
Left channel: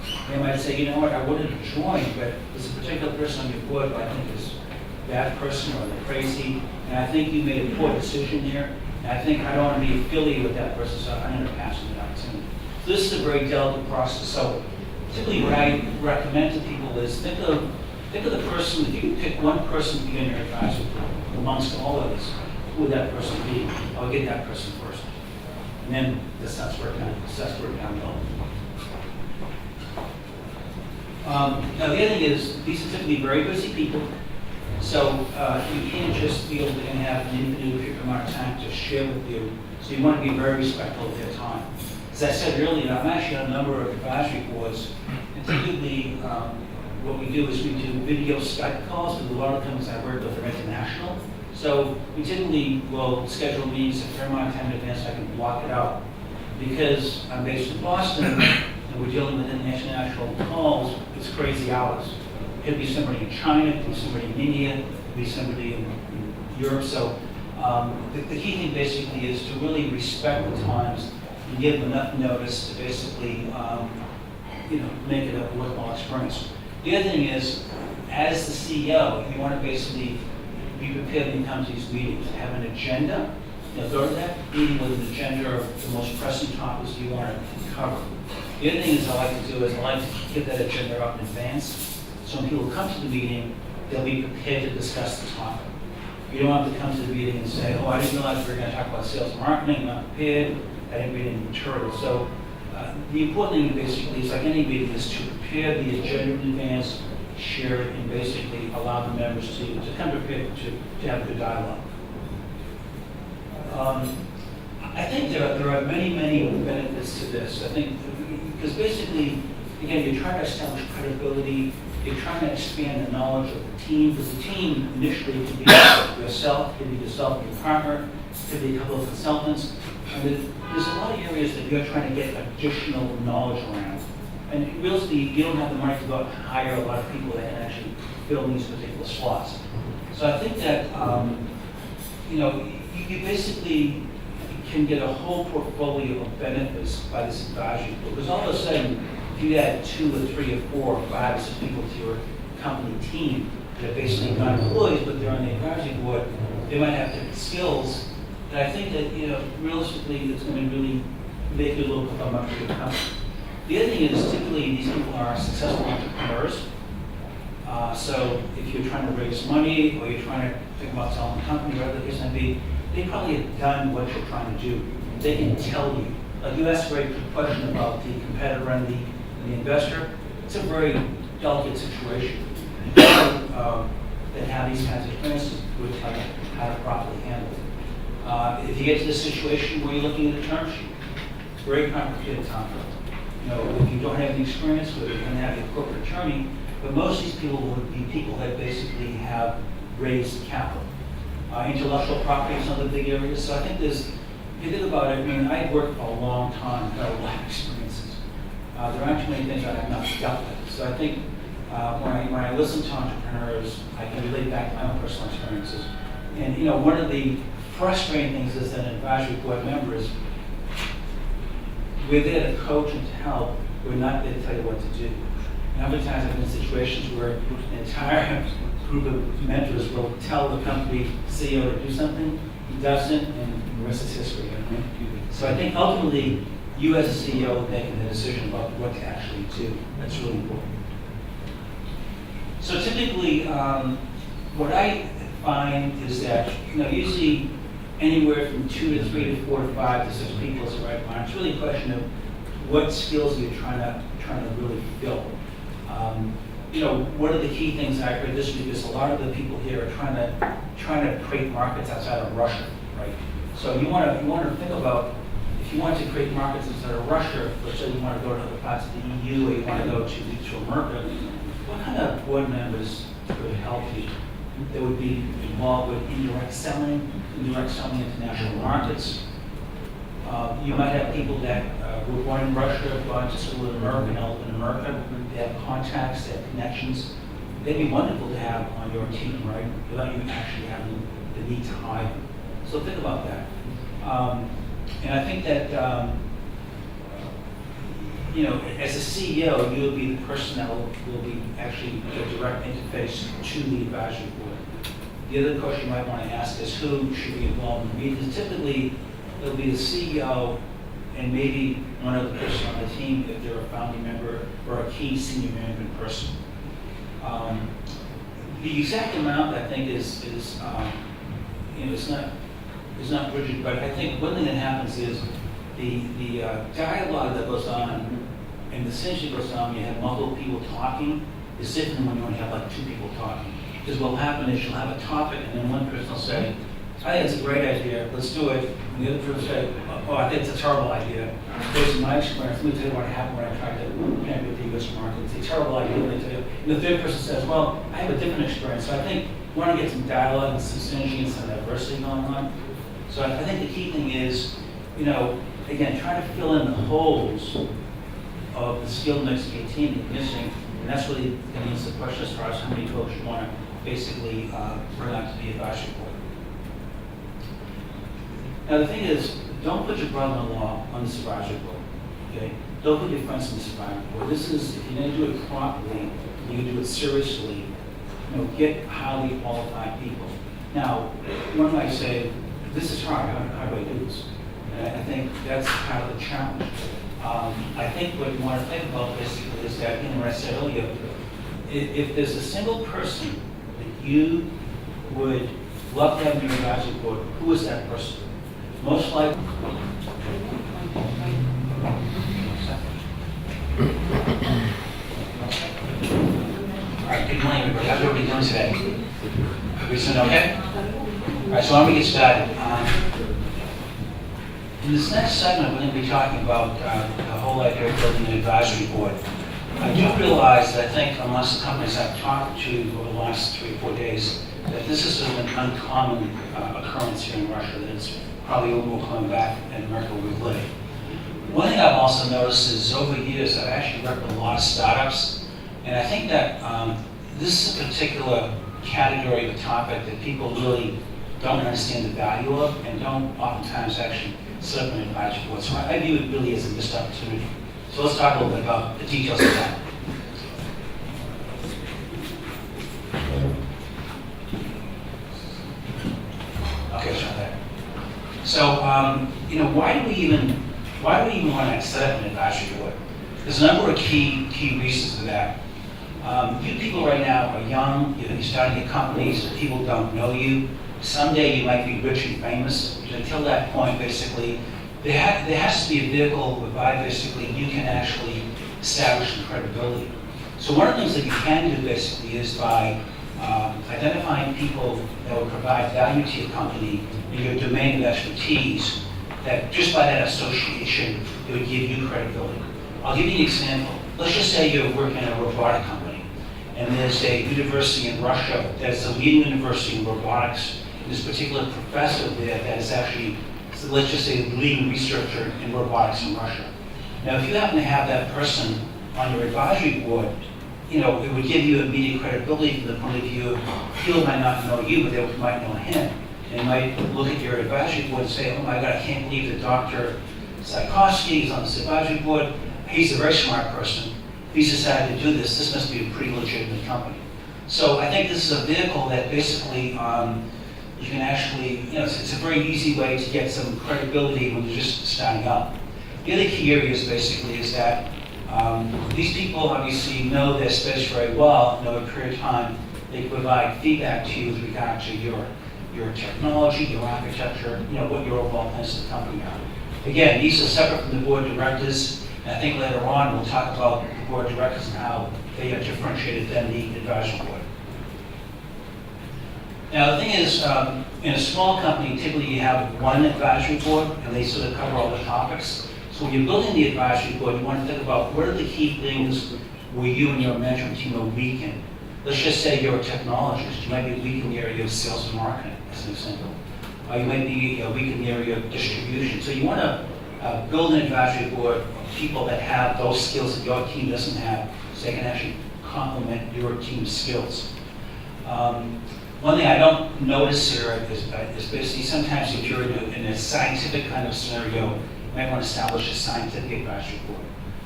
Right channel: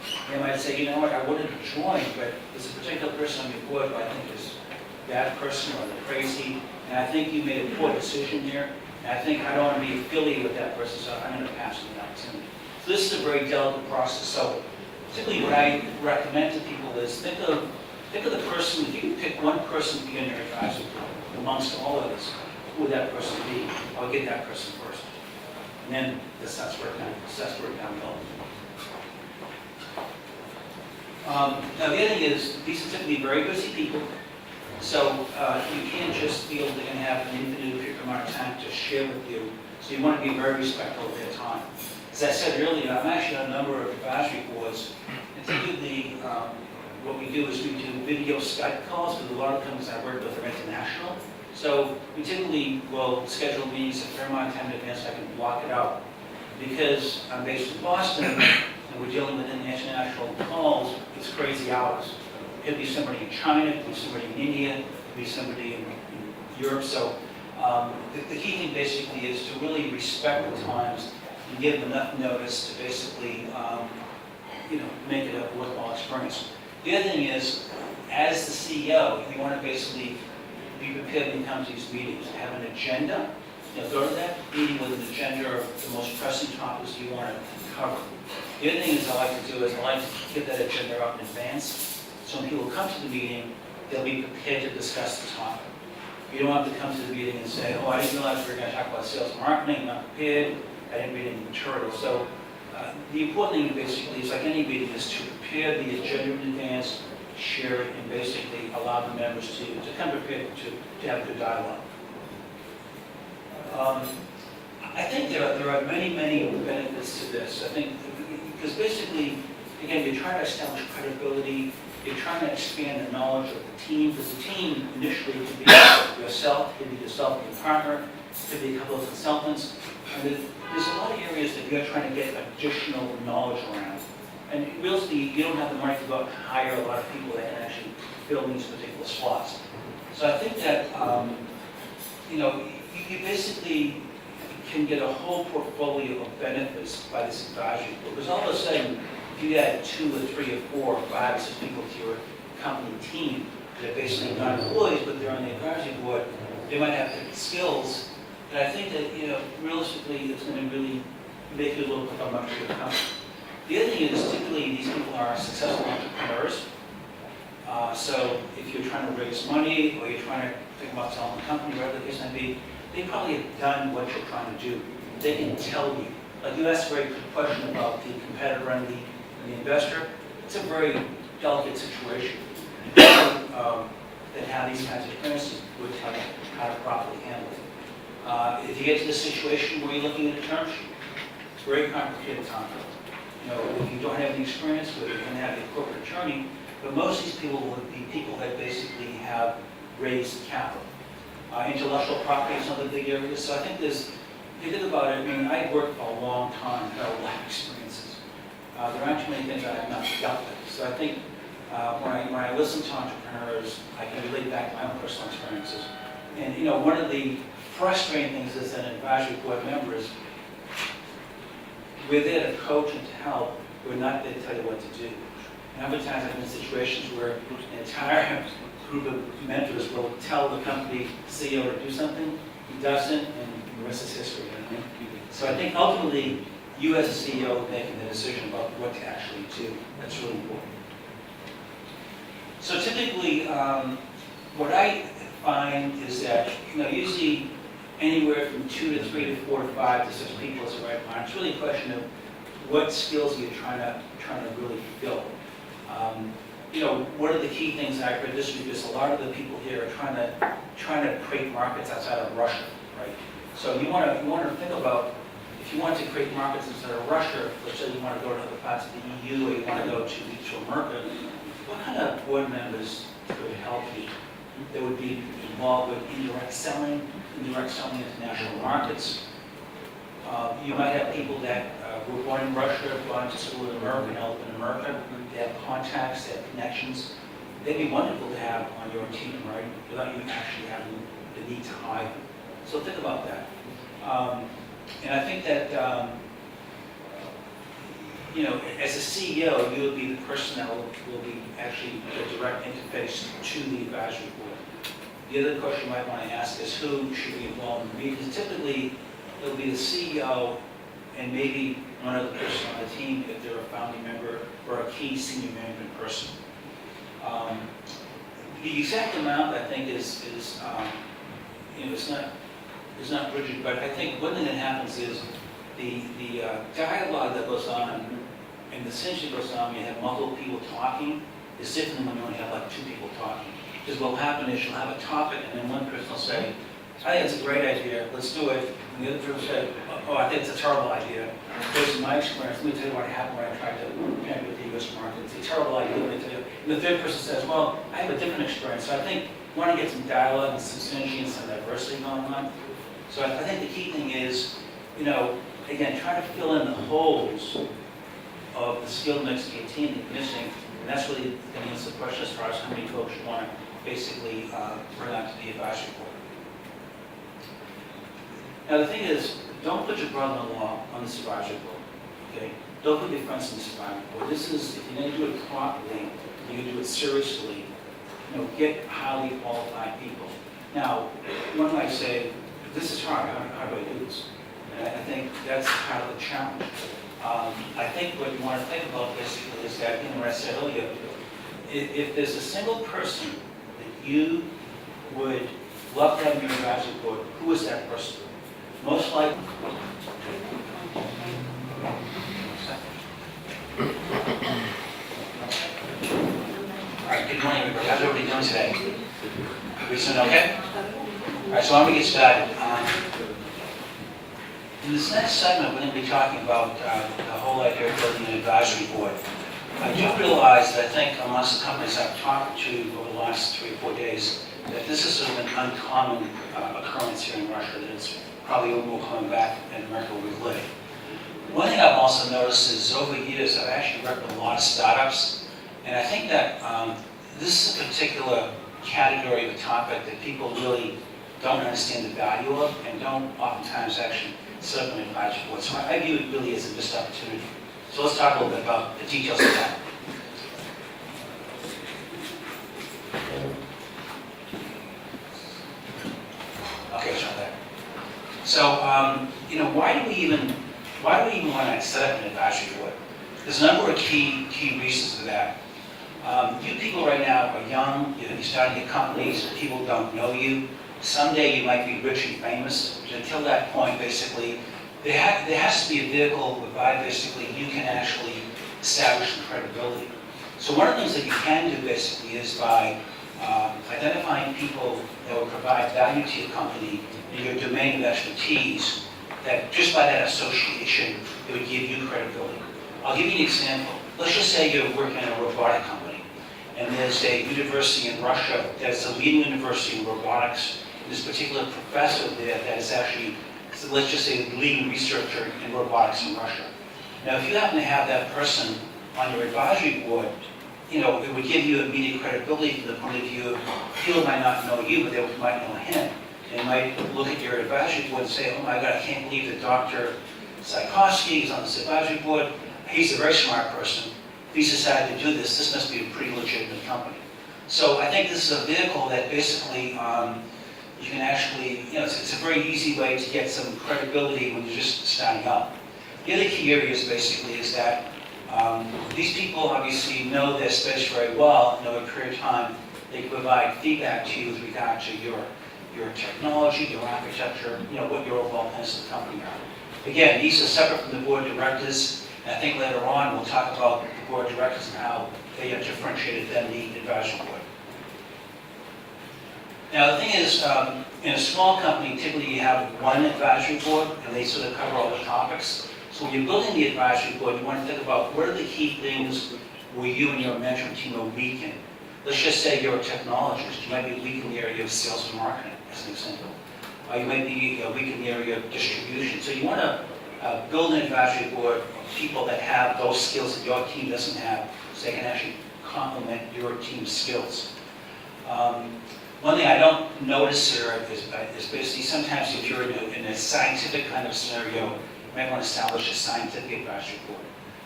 They might say, you know what, I wouldn't have joined, but there's a particular person on your board who I think is that person or they're crazy, and I think you made a poor decision here, and I think I don't want to be affiliated with that person, so I'm going to pass on the opportunity. So this is a very delicate process. So typically what I recommend to people is think of the person, if you can pick one person to be in your advisory board amongst all of us, who would that person be? I'll get that person first. And then assess where it down the Now the other thing is, these are typically very busy people, so you can't just feel they're going to have an infinite amount of time to share with you, so you want to be very respectful of their time. As I said earlier, I'm actually on a number of advisory boards, and typically what we do is we do video Skype calls, because a lot of companies I work with are international. So we typically will schedule meetings a fair amount of time in advance so I can block it out. Because I'm based in Boston, and we're dealing with international calls, it's crazy hours. It could be somebody in China, it could be somebody in India, it could be somebody in Europe. So the key thing basically is to really respect the times and give them enough notice to basically make it a worthwhile experience. The other thing is, as the CEO, you want to basically be prepared when you come to these meetings. Have an agenda. Go to that meeting with an agenda of the most pressing topics you want to cover. The other thing is I like to do is I like to get that agenda up in advance. So when people come to the meeting, they'll be prepared to discuss the topic. You don't have to come to the meeting and say, oh, I didn't realize we were going to talk about sales and marketing, I'm not prepared, I didn't read any material. So the important thing basically is, like any meeting, is to prepare the agenda in advance, share it, and basically allow the members to come prepared to have a good dialogue. I think there are many, many benefits to this. I think because basically, again, you're trying to establish credibility, you're trying to expand the knowledge of the team, because the team initially could be yourself, could be yourself and your partner, could be a couple of consultants. And there's a lot of areas that you're trying to get additional knowledge around. And realistically, you don't have the money to go out and hire a lot of people that can actually fill these particular slots. So I think that, you basically can get a whole portfolio of benefits by this advisory board. Because all of a sudden, if you add 2 or 3 or 4 or 5 or 6 people to your company team that are basically not employees, but they're on the advisory board, they might have different skills. And I think that, realistically, it's going to really make you look like a much bigger company. The other thing is, typically, these people are successful entrepreneurs. So if you're trying to raise money or you're trying to think about selling a company, whatever the case may be, they probably have done what you're trying to do. They can tell you. Like you asked a very good question about the competitor and the investor. It's a very delicate situation. People that have these kinds of experiences would tell you how to properly handle it. If you get to the situation where you're looking at a term sheet, it's a very complicated topic. If you don't have any experience with it, you can have a corporate attorney, but most of these people would be people that basically have raised capital. Intellectual property is another big area. So I think if you think about it, I worked for a long time, had a lot of experiences. There aren't too many things I have not dealt with. So I think when I listen to entrepreneurs, I can relate back to my own personal experiences. And one of the frustrating things as an advisory board member is we're there to coach and to help. We're not there to tell you what to do. And other times I've been in situations where an entire group of mentors will tell the company CEO to do something, he doesn't, and the rest is history. So I think ultimately, you as a CEO making the decision about what to actually do. That's really important. So typically, what I find is that usually anywhere from 2 to 3 to 4 to 5 to 6 people is the right amount. It's really a question of what skills you're trying to really fill. What are the key things I heard this week is a lot of the people here are trying to create markets outside of Russia, right? So you want to think about, if you want to create markets outside of Russia, let's say you want to go to other parts of the EU or you want to go to America, what kind of board members could help you that would be involved with indirect selling international markets? You might have people that were born in Russia, gone to school in America, and help in America. They have contacts, they have connections. They'd be wonderful to have on your team, right? Without you actually having the need to hire them. So think about that. And I think that as a CEO, you will be the person that will be actually the direct interface to the advisory board. The other question you might want to ask is who should be involved in the meetings. Typically, it'll be the CEO and maybe one other person on the team if they're a founding member or a key senior management person. The exact amount, I think, is it's not rigid, but I think one thing that happens is the dialogue that goes on and the synergy that goes on when you have multiple people talking is different than when you only have like two people talking. Because what will happen is you'll have a topic and then one person will say, I think it's a great idea, let's do it. And the other person will say, oh, I think it's a terrible idea. Based on my experience, let me tell you what happened when I tried to connect with the U.S. market. It's a terrible idea, let me tell you. And the third person says, well, I have a different experience. So I think we want to get some dialogue and some synergy and some diversity going on. So I think the key thing is, again, trying to fill in the holes of the skill mix of your team that you're missing. And that's really going to answer the question as far as how many folks you want to basically bring out to the advisory board. Now the thing is, don't put your brother-in-law on this advisory board, okay? Don't put your friends on this advisory board. This is, if you're going to do it properly, you're going to do it seriously, get highly qualified people. Now, one might say, this is hard, how do I do this? And I think that's kind of the challenge. I think what you want to think about basically is that, what I said earlier, if there's a single person that you would love to have in your advisory board, who is that person? Most likely. All right, good morning, everybody. How's everybody doing today? Everybody doing okay? All right, so why don't we get started? In this next segment, we're going to be talking about the whole idea of building an advisory board. I do realize that I think amongst the companies I've talked to over the last 3 or 4 days, that this is sort of an uncommon occurrence here in Russia, that it's probably a little more common back in America where we live. One thing I've also noticed is over the years, I've actually worked with a lot of startups, and I think that this is a particular category of a topic that people really don't understand the value of and don't oftentimes actually set up an advisory board. So I view it really as a missed opportunity. So let's talk a little bit about the details of that. Okay, it's right there. So, why do we even want to set up an advisory board? There's a number of key reasons for that. You people right now are young, you're starting your companies, people don't know you. Someday you might be rich and famous. Until that point, basically, there has to be a vehicle whereby basically you can actually establish some credibility. So one of the things that you can do basically is by identifying people that will provide value to your company in your domain of expertise, that just by that association, it would give you credibility. I'll give you an example. Let's just say you're working in a robotic company, and there's a university in Russia that's the leading university in robotics. This particular professor there that is actually, let's just say, the leading researcher in robotics in Russia. Now, if you happen to have that person on your advisory board, it would give you immediate credibility from the point of view, people might not know you, but they might know him. They might look at your advisory board and say, oh my God, I can't believe that Dr. Tchaikovsky is on this advisory board. He's a very smart person. If he's decided to do this, this must be a pretty legitimate company. So I think this is a vehicle that basically you can actually, it's a very easy way to get some credibility when you're just starting up. The other key areas basically is that these people obviously know their space very well, and over a period of time, they can provide feedback to you with regard to your technology, your architecture, what your overall plans of the company are. Again, these are separate from the board of directors, and I think later on we'll talk about the board of directors and how they are differentiated than the advisory board. Now the thing is, in a small company, typically you have one advisory board, and they sort of cover all the topics. So when you're building the advisory board, you want to think about what are the key things where you and your management team are weak in. Let's just say you're a technologist. You might be weak in the area of sales and marketing, as an example. Or you might be weak in the area of distribution. So you want to build an advisory board of people that have those skills that your team doesn't have, so they can actually complement your team's skills. One thing I don't notice here is basically sometimes if you're in a scientific kind of scenario, you might want to establish a scientific advisory board.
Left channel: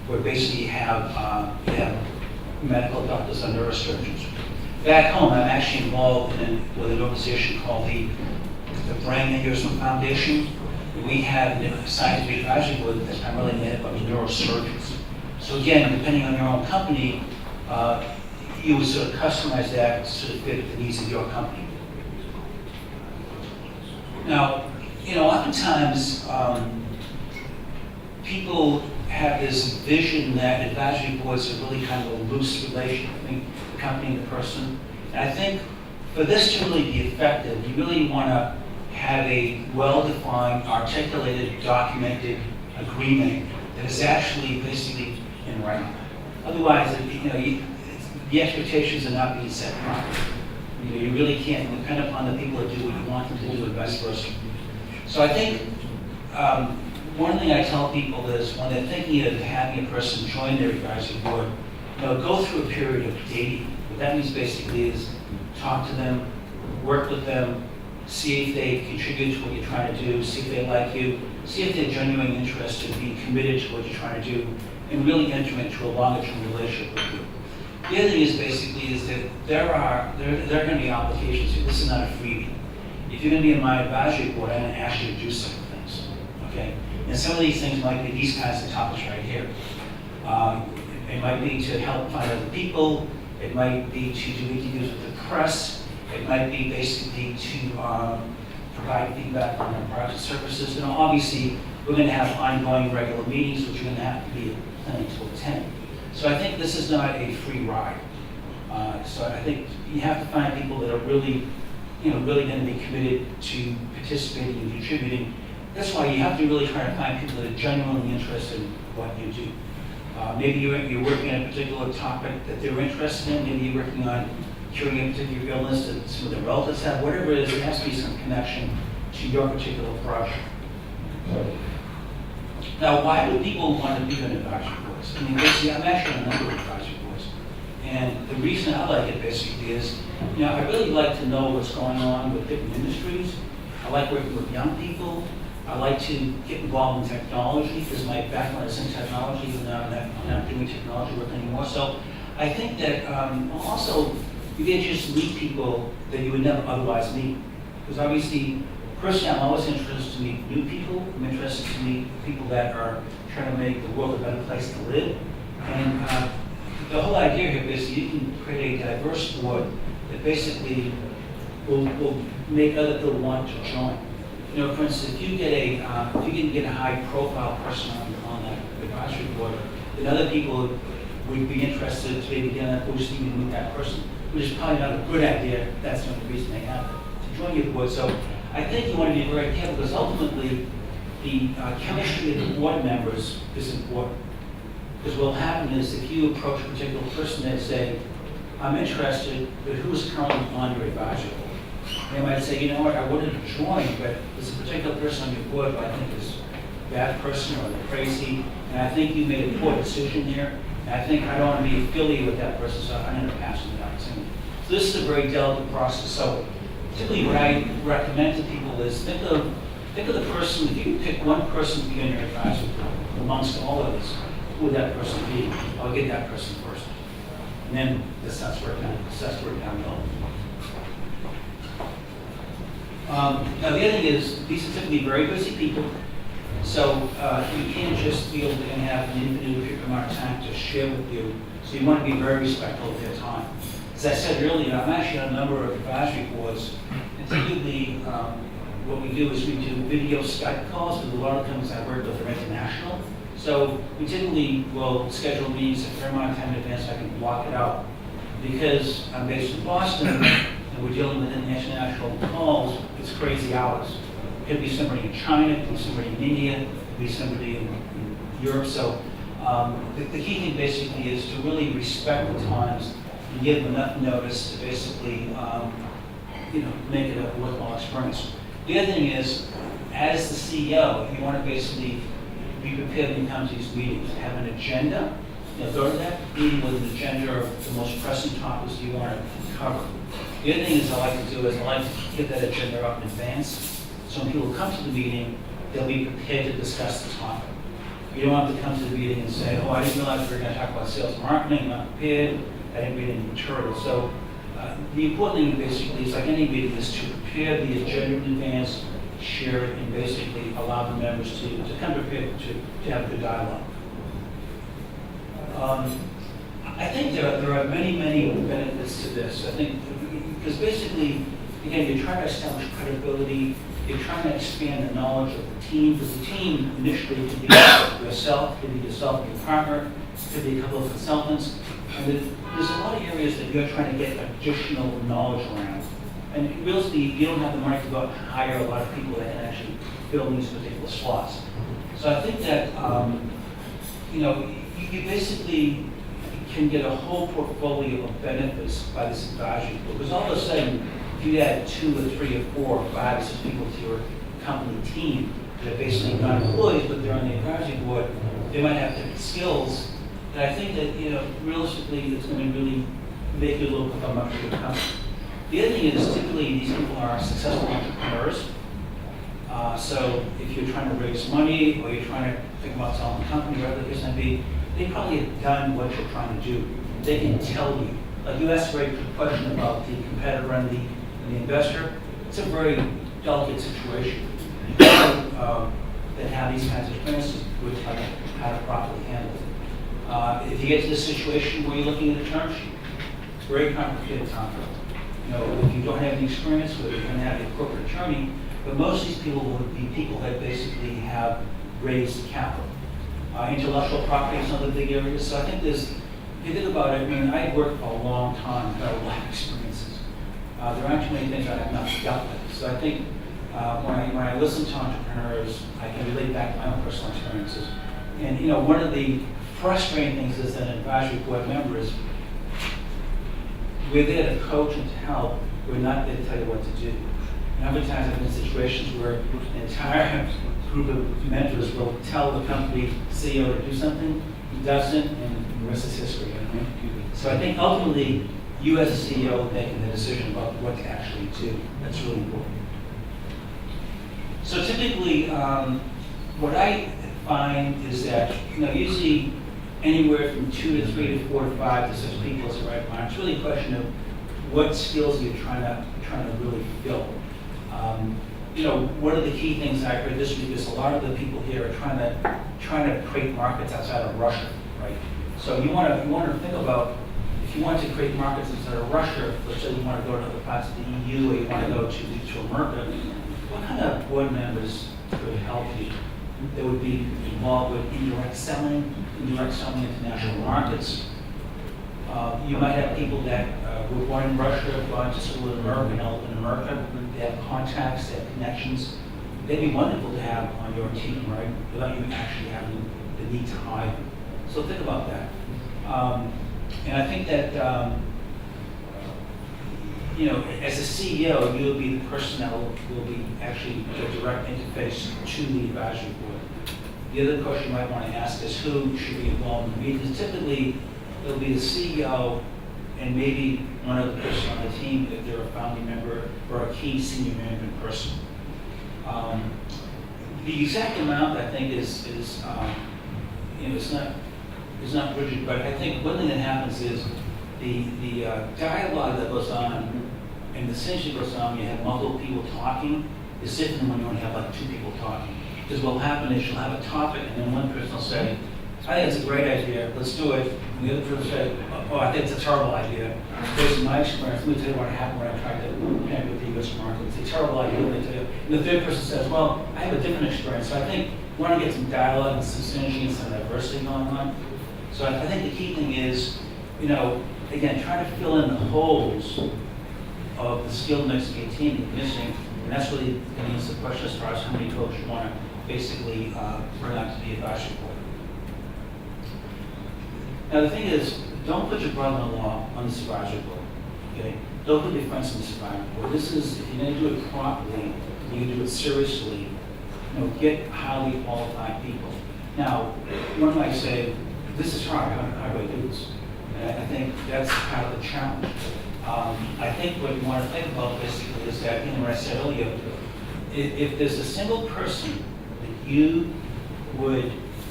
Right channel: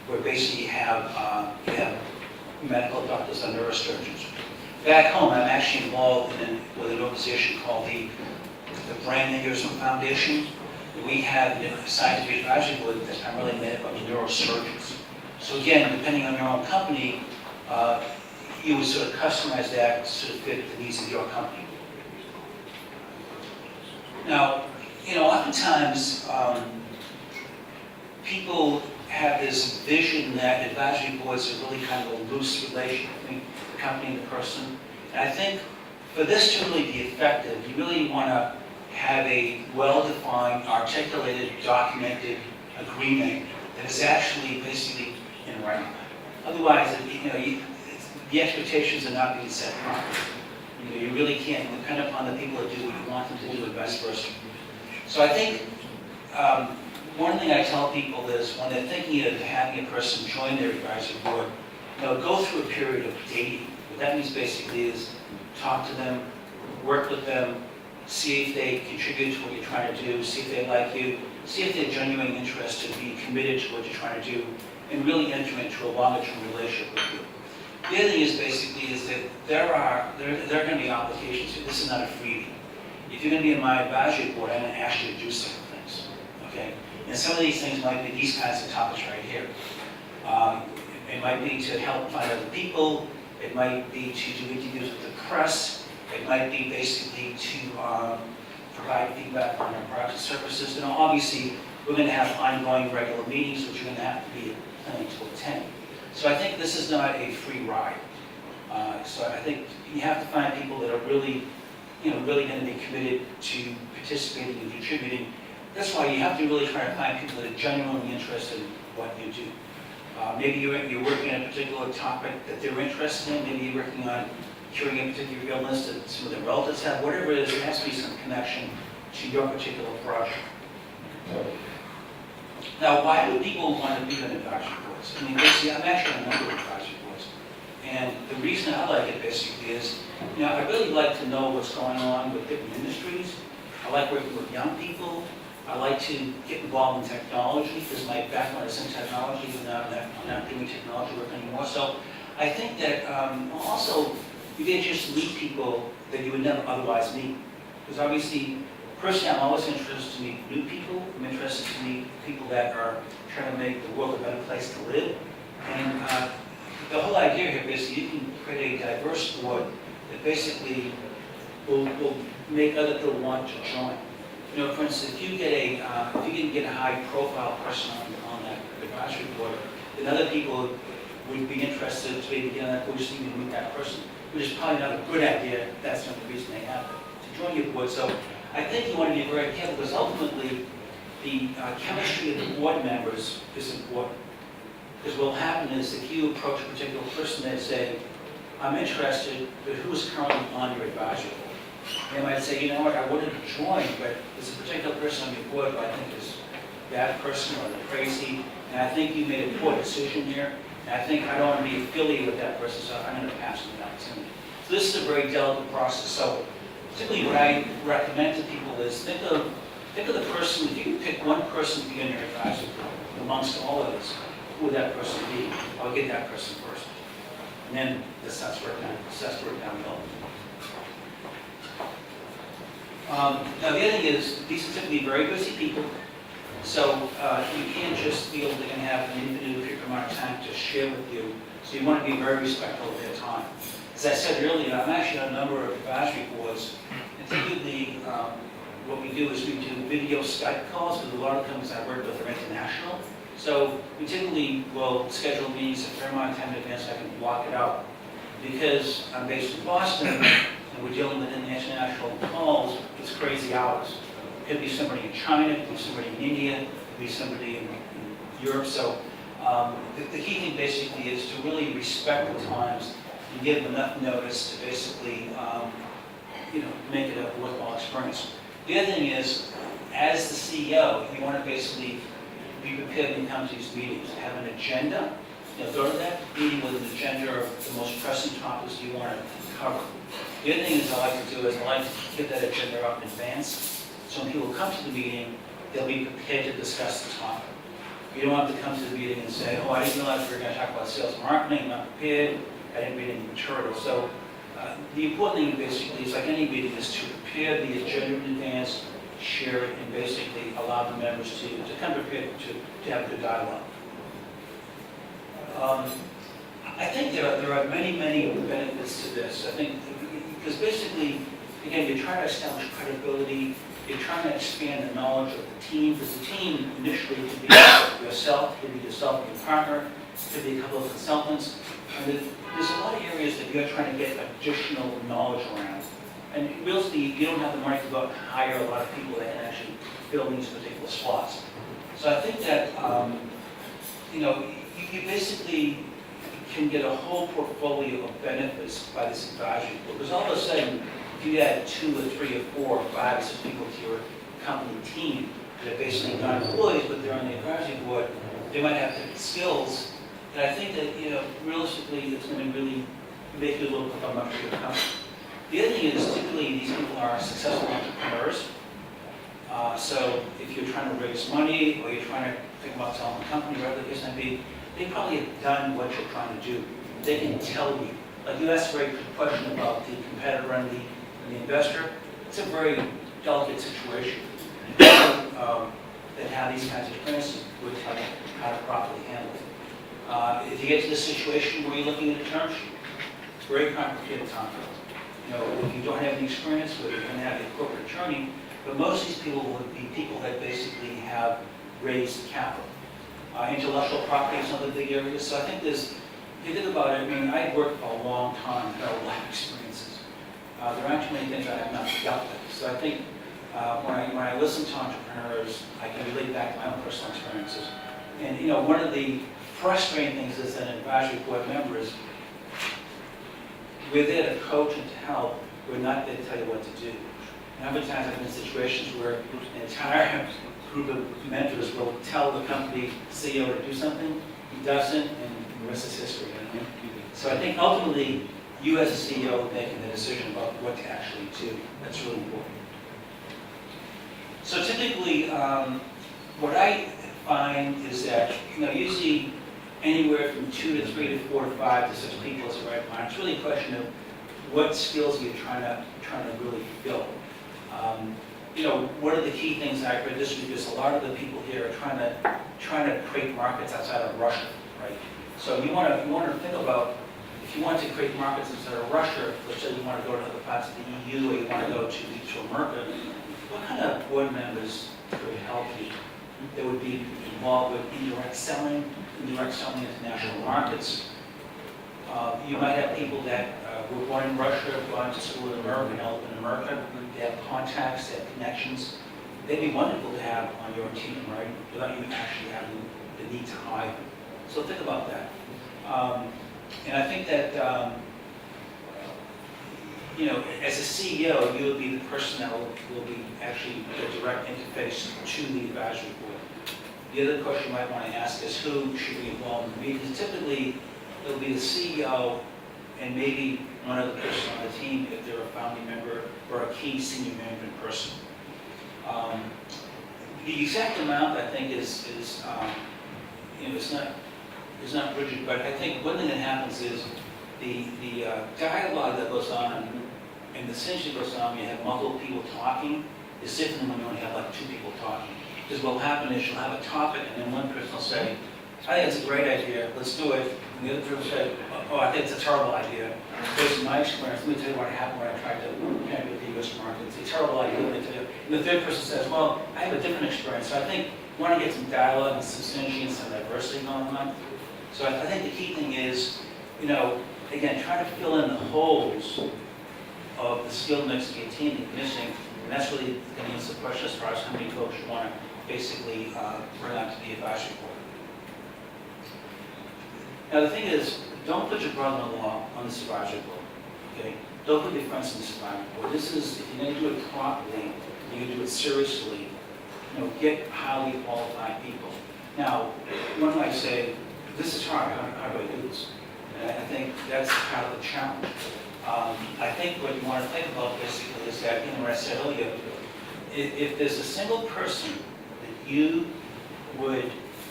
where basically you have medical doctors and neurosurgeons. Back home, I'm actually involved with an organization called the Brain Aneurysm Foundation. We have a scientific advisory board that's primarily made up of neurosurgeons. So again, depending on your own company, you would sort of customize that to sort of fit the needs of your company. Now, oftentimes people have this vision that advisory boards are really kind of a loose relation between the company and the person. And I think for this to really be effective, you really want to have a well-defined, articulated, documented agreement that is actually basically in writing. Otherwise, the expectations are not being set properly. You really can't depend upon the people to do what you want them to do and vice versa. So I think one thing I tell people is when they're thinking of having a person join their advisory board, go through a period of dating. What that means basically is talk to them, work with them, see if they contribute to what you're trying to do, see if they like you, see if they're genuinely interested in being committed to what you're trying to do, and really enter into a longer-term relationship with you. The other thing is basically is that there are going to be obligations here. This is not a freebie. If you're going to be in my advisory board, I'm going to ask you to do certain things, okay? And some of these things might be these kinds of topics right here. It might be to help find other people. It might be to do interviews with the press. It might be basically to provide feedback on our products and services. Obviously, we're going to have ongoing regular meetings, which you're going to have to be planning to attend. So I think this is not a free ride. So I think you have to find people that are really going to be committed to participating and contributing. That's why you have to really try to find people that are genuinely interested in what you do. Maybe you're working on a particular topic that they're interested in. Maybe you're working on curing a particular illness that some of their relatives have. Whatever it is, there has to be some connection to your particular project. Now, why would people want to be on advisory boards? I mean, basically, I'm actually on a number of advisory boards. And the reason I like it basically is, I really like to know what's going on with different industries. I like working with young people. I like to get involved in technology because my background is in technology, even though I'm not doing technology work anymore. So I think that also you get a chance to meet people that you would never otherwise meet. Because obviously, personally, I'm always interested to meet new people. I'm interested to meet people that are trying to make the world a better place to live. And the whole idea here is you can create a diverse board that basically will make other people want to join. For instance, if you can get a high-profile person on that advisory board, then other people would be interested to maybe get on that board just even to meet that person, which is probably not a good idea. That's not the reason they have to join your board. So I think you want to be very careful because ultimately the chemistry of the board members is important. Because what will happen is if you approach a particular person and say, I'm interested, but who's currently on your advisory board? They might say, I wanted to join, but there's a particular person on your board who I think is a bad person or they're crazy, and I think you made a poor decision here, and I think I don't want to be affiliated with that person, so I'm going to pass on the opportunity. So this is a very delicate process. So typically what I recommend to people is think of the person, if you can pick one person to be on your advisory board amongst all of us, who would that person be? I'll get that person first. And then that's where it down the hill. Now the other thing is, these are typically very busy people, so you can't just feel they're going to have an infinite amount of time to share with you, so you want to be very respectful of their time. As I said earlier, I'm actually on a number of advisory boards, and typically what we do is we do video Skype calls, because a lot of companies I work with are international, so we typically will schedule meetings a fair amount of time in advance so I can block it out. Because I'm based in Boston, and we're dealing with international calls, it's crazy hours. It could be somebody in China, it could be somebody in India, it could be somebody in Europe. So the key thing basically is to really respect the times and give them enough notice to basically make it a worthwhile experience. The other thing is, as the CEO, you want to basically be prepared when you come to these meetings. Have an agenda. Go to that meeting with an agenda of the most pressing topics you want to cover. The other thing is I like to do is I like to get that agenda up in advance, so when people come to the meeting, they'll be prepared to discuss the topic. You don't have to come to the meeting and say, oh, I didn't realize we were going to talk about sales and marketing, I'm not prepared, I didn't read any material. So the important thing basically is like any meeting is to prepare the agenda in advance, share it, and basically allow the members to come prepared to have a good dialogue. I think there are many, many benefits to this. I think because basically, again, you're trying to establish credibility, you're trying to expand the knowledge of the team, because the team initially could be yourself, could be yourself and your partner, could be a couple of consultants. And there's a lot of areas that you're trying to get additional knowledge around. And really, you don't have the money to go out and hire a lot of people that can actually fill these particular slots. So I think that, you basically can get a whole portfolio of benefits by this advisory board. Because all of a sudden, if you add 2 or 3 or 4 or 5 or 6 people to your company team that are basically not employees, but they're on the advisory board, they might have different skills. And I think that, realistically, it's going to really make you look like a much bigger company. The other thing is, typically, these people are successful entrepreneurs. So if you're trying to raise money or you're trying to think about selling a company, whatever the case may be, they probably have done what you're trying to do. They can tell you. Like you asked a very good question about the competitor and the investor. It's a very delicate situation. People that have these kinds of experiences would tell you how to properly handle it. If you get to the situation where you're looking at a term sheet, it's very complicated time. If you don't have any experience with it, you're going to have the corporate attorney, but most of these people would be people that basically have raised capital. Intellectual property is another big area. So I think if you think about it, I worked for a long time, had a lot of experiences. There aren't too many things I have not dealt with. So I think when I listen to entrepreneurs, I can relate back to my own personal experiences. And one of the frustrating things as an advisory board member is we're there to coach and to help. We're not there to tell you what to do. And how many times I've been in situations where an entire group of mentors will tell the company CEO to do something, he doesn't, and the rest is history. So I think ultimately, you as a CEO making the decision about what to actually do. That's really important. So typically, what I find is that usually anywhere from 2 to 3 to 4 to 5 to 6 people is the right amount. It's really a question of what skills you're trying to really fill. One of the key things I heard this week is a lot of the people here are trying to create markets outside of Russia, right? So you want to think about if you want to create markets outside of Russia. Let's say you want to go to other parts of the EU, or you want to go to America. What kind of board members could help you? That would be involved with indirect selling international markets. You might have people that were born in Russia, gone to school in America, and help in America. They have contacts, they have connections. They'd be wonderful to have on your team, right? Without you actually having the need to hire them. So think about that. And I think that, as a CEO, you'll be the person that will be actually the direct interface to the advisory board. The other question you might want to ask is who should be involved in the meeting. Because typically, it'll be the CEO and maybe one other person on the team if they're a founding member or a key senior management person. The exact amount, I think, is it's not rigid, but I think one thing that happens is the dialogue that goes on and the synergy that goes on when you have multiple people talking is different than when you only have like 2 people talking. Because what will happen is you'll have a topic and then one person will say, I think it's a great idea, let's do it. And the other person will say, oh, I think it's a terrible idea. Based on my experience, let me tell you what happened when I tried to connect with the U.S. market. It's a terrible idea, let me tell you. And the third person says, well, I have a different experience. So I think we want to get some dialogue and some synergy and some diversity going on. So I think the key thing is, again, trying to fill in the holes of the skill mix that your team is missing. And that's really going to answer the question as far as how many folks you want to basically bring out to the advisory board. Now the thing is, don't put your brother-in-law on this advisory board, okay? Don't put your friends on this advisory board. This is, if you're going to do it properly, you're going to do it seriously, get highly qualified people. Now, one might say, this is hard, how do I do this? And I think that's kind of the challenge. I think what you want to think about basically is that, what I said earlier, if there's a single person that you would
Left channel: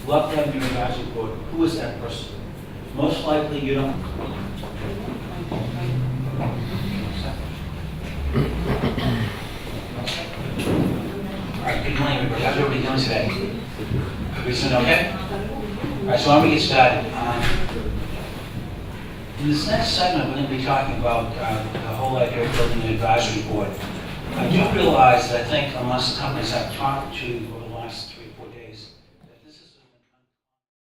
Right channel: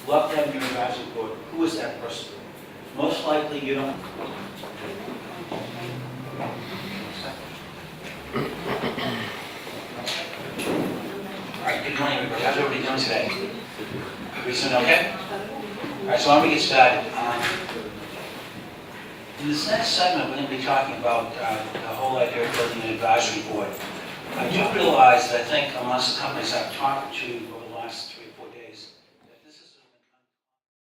love to have your advisory board, who is that person? Most likely you don't. All right, good morning, everybody. How's everybody doing today? Everybody doing okay? All right, so why don't we get started? In this next segment, we're going to be talking about the whole idea of building an advisory board. I do realize that I think amongst the companies I've talked to over the last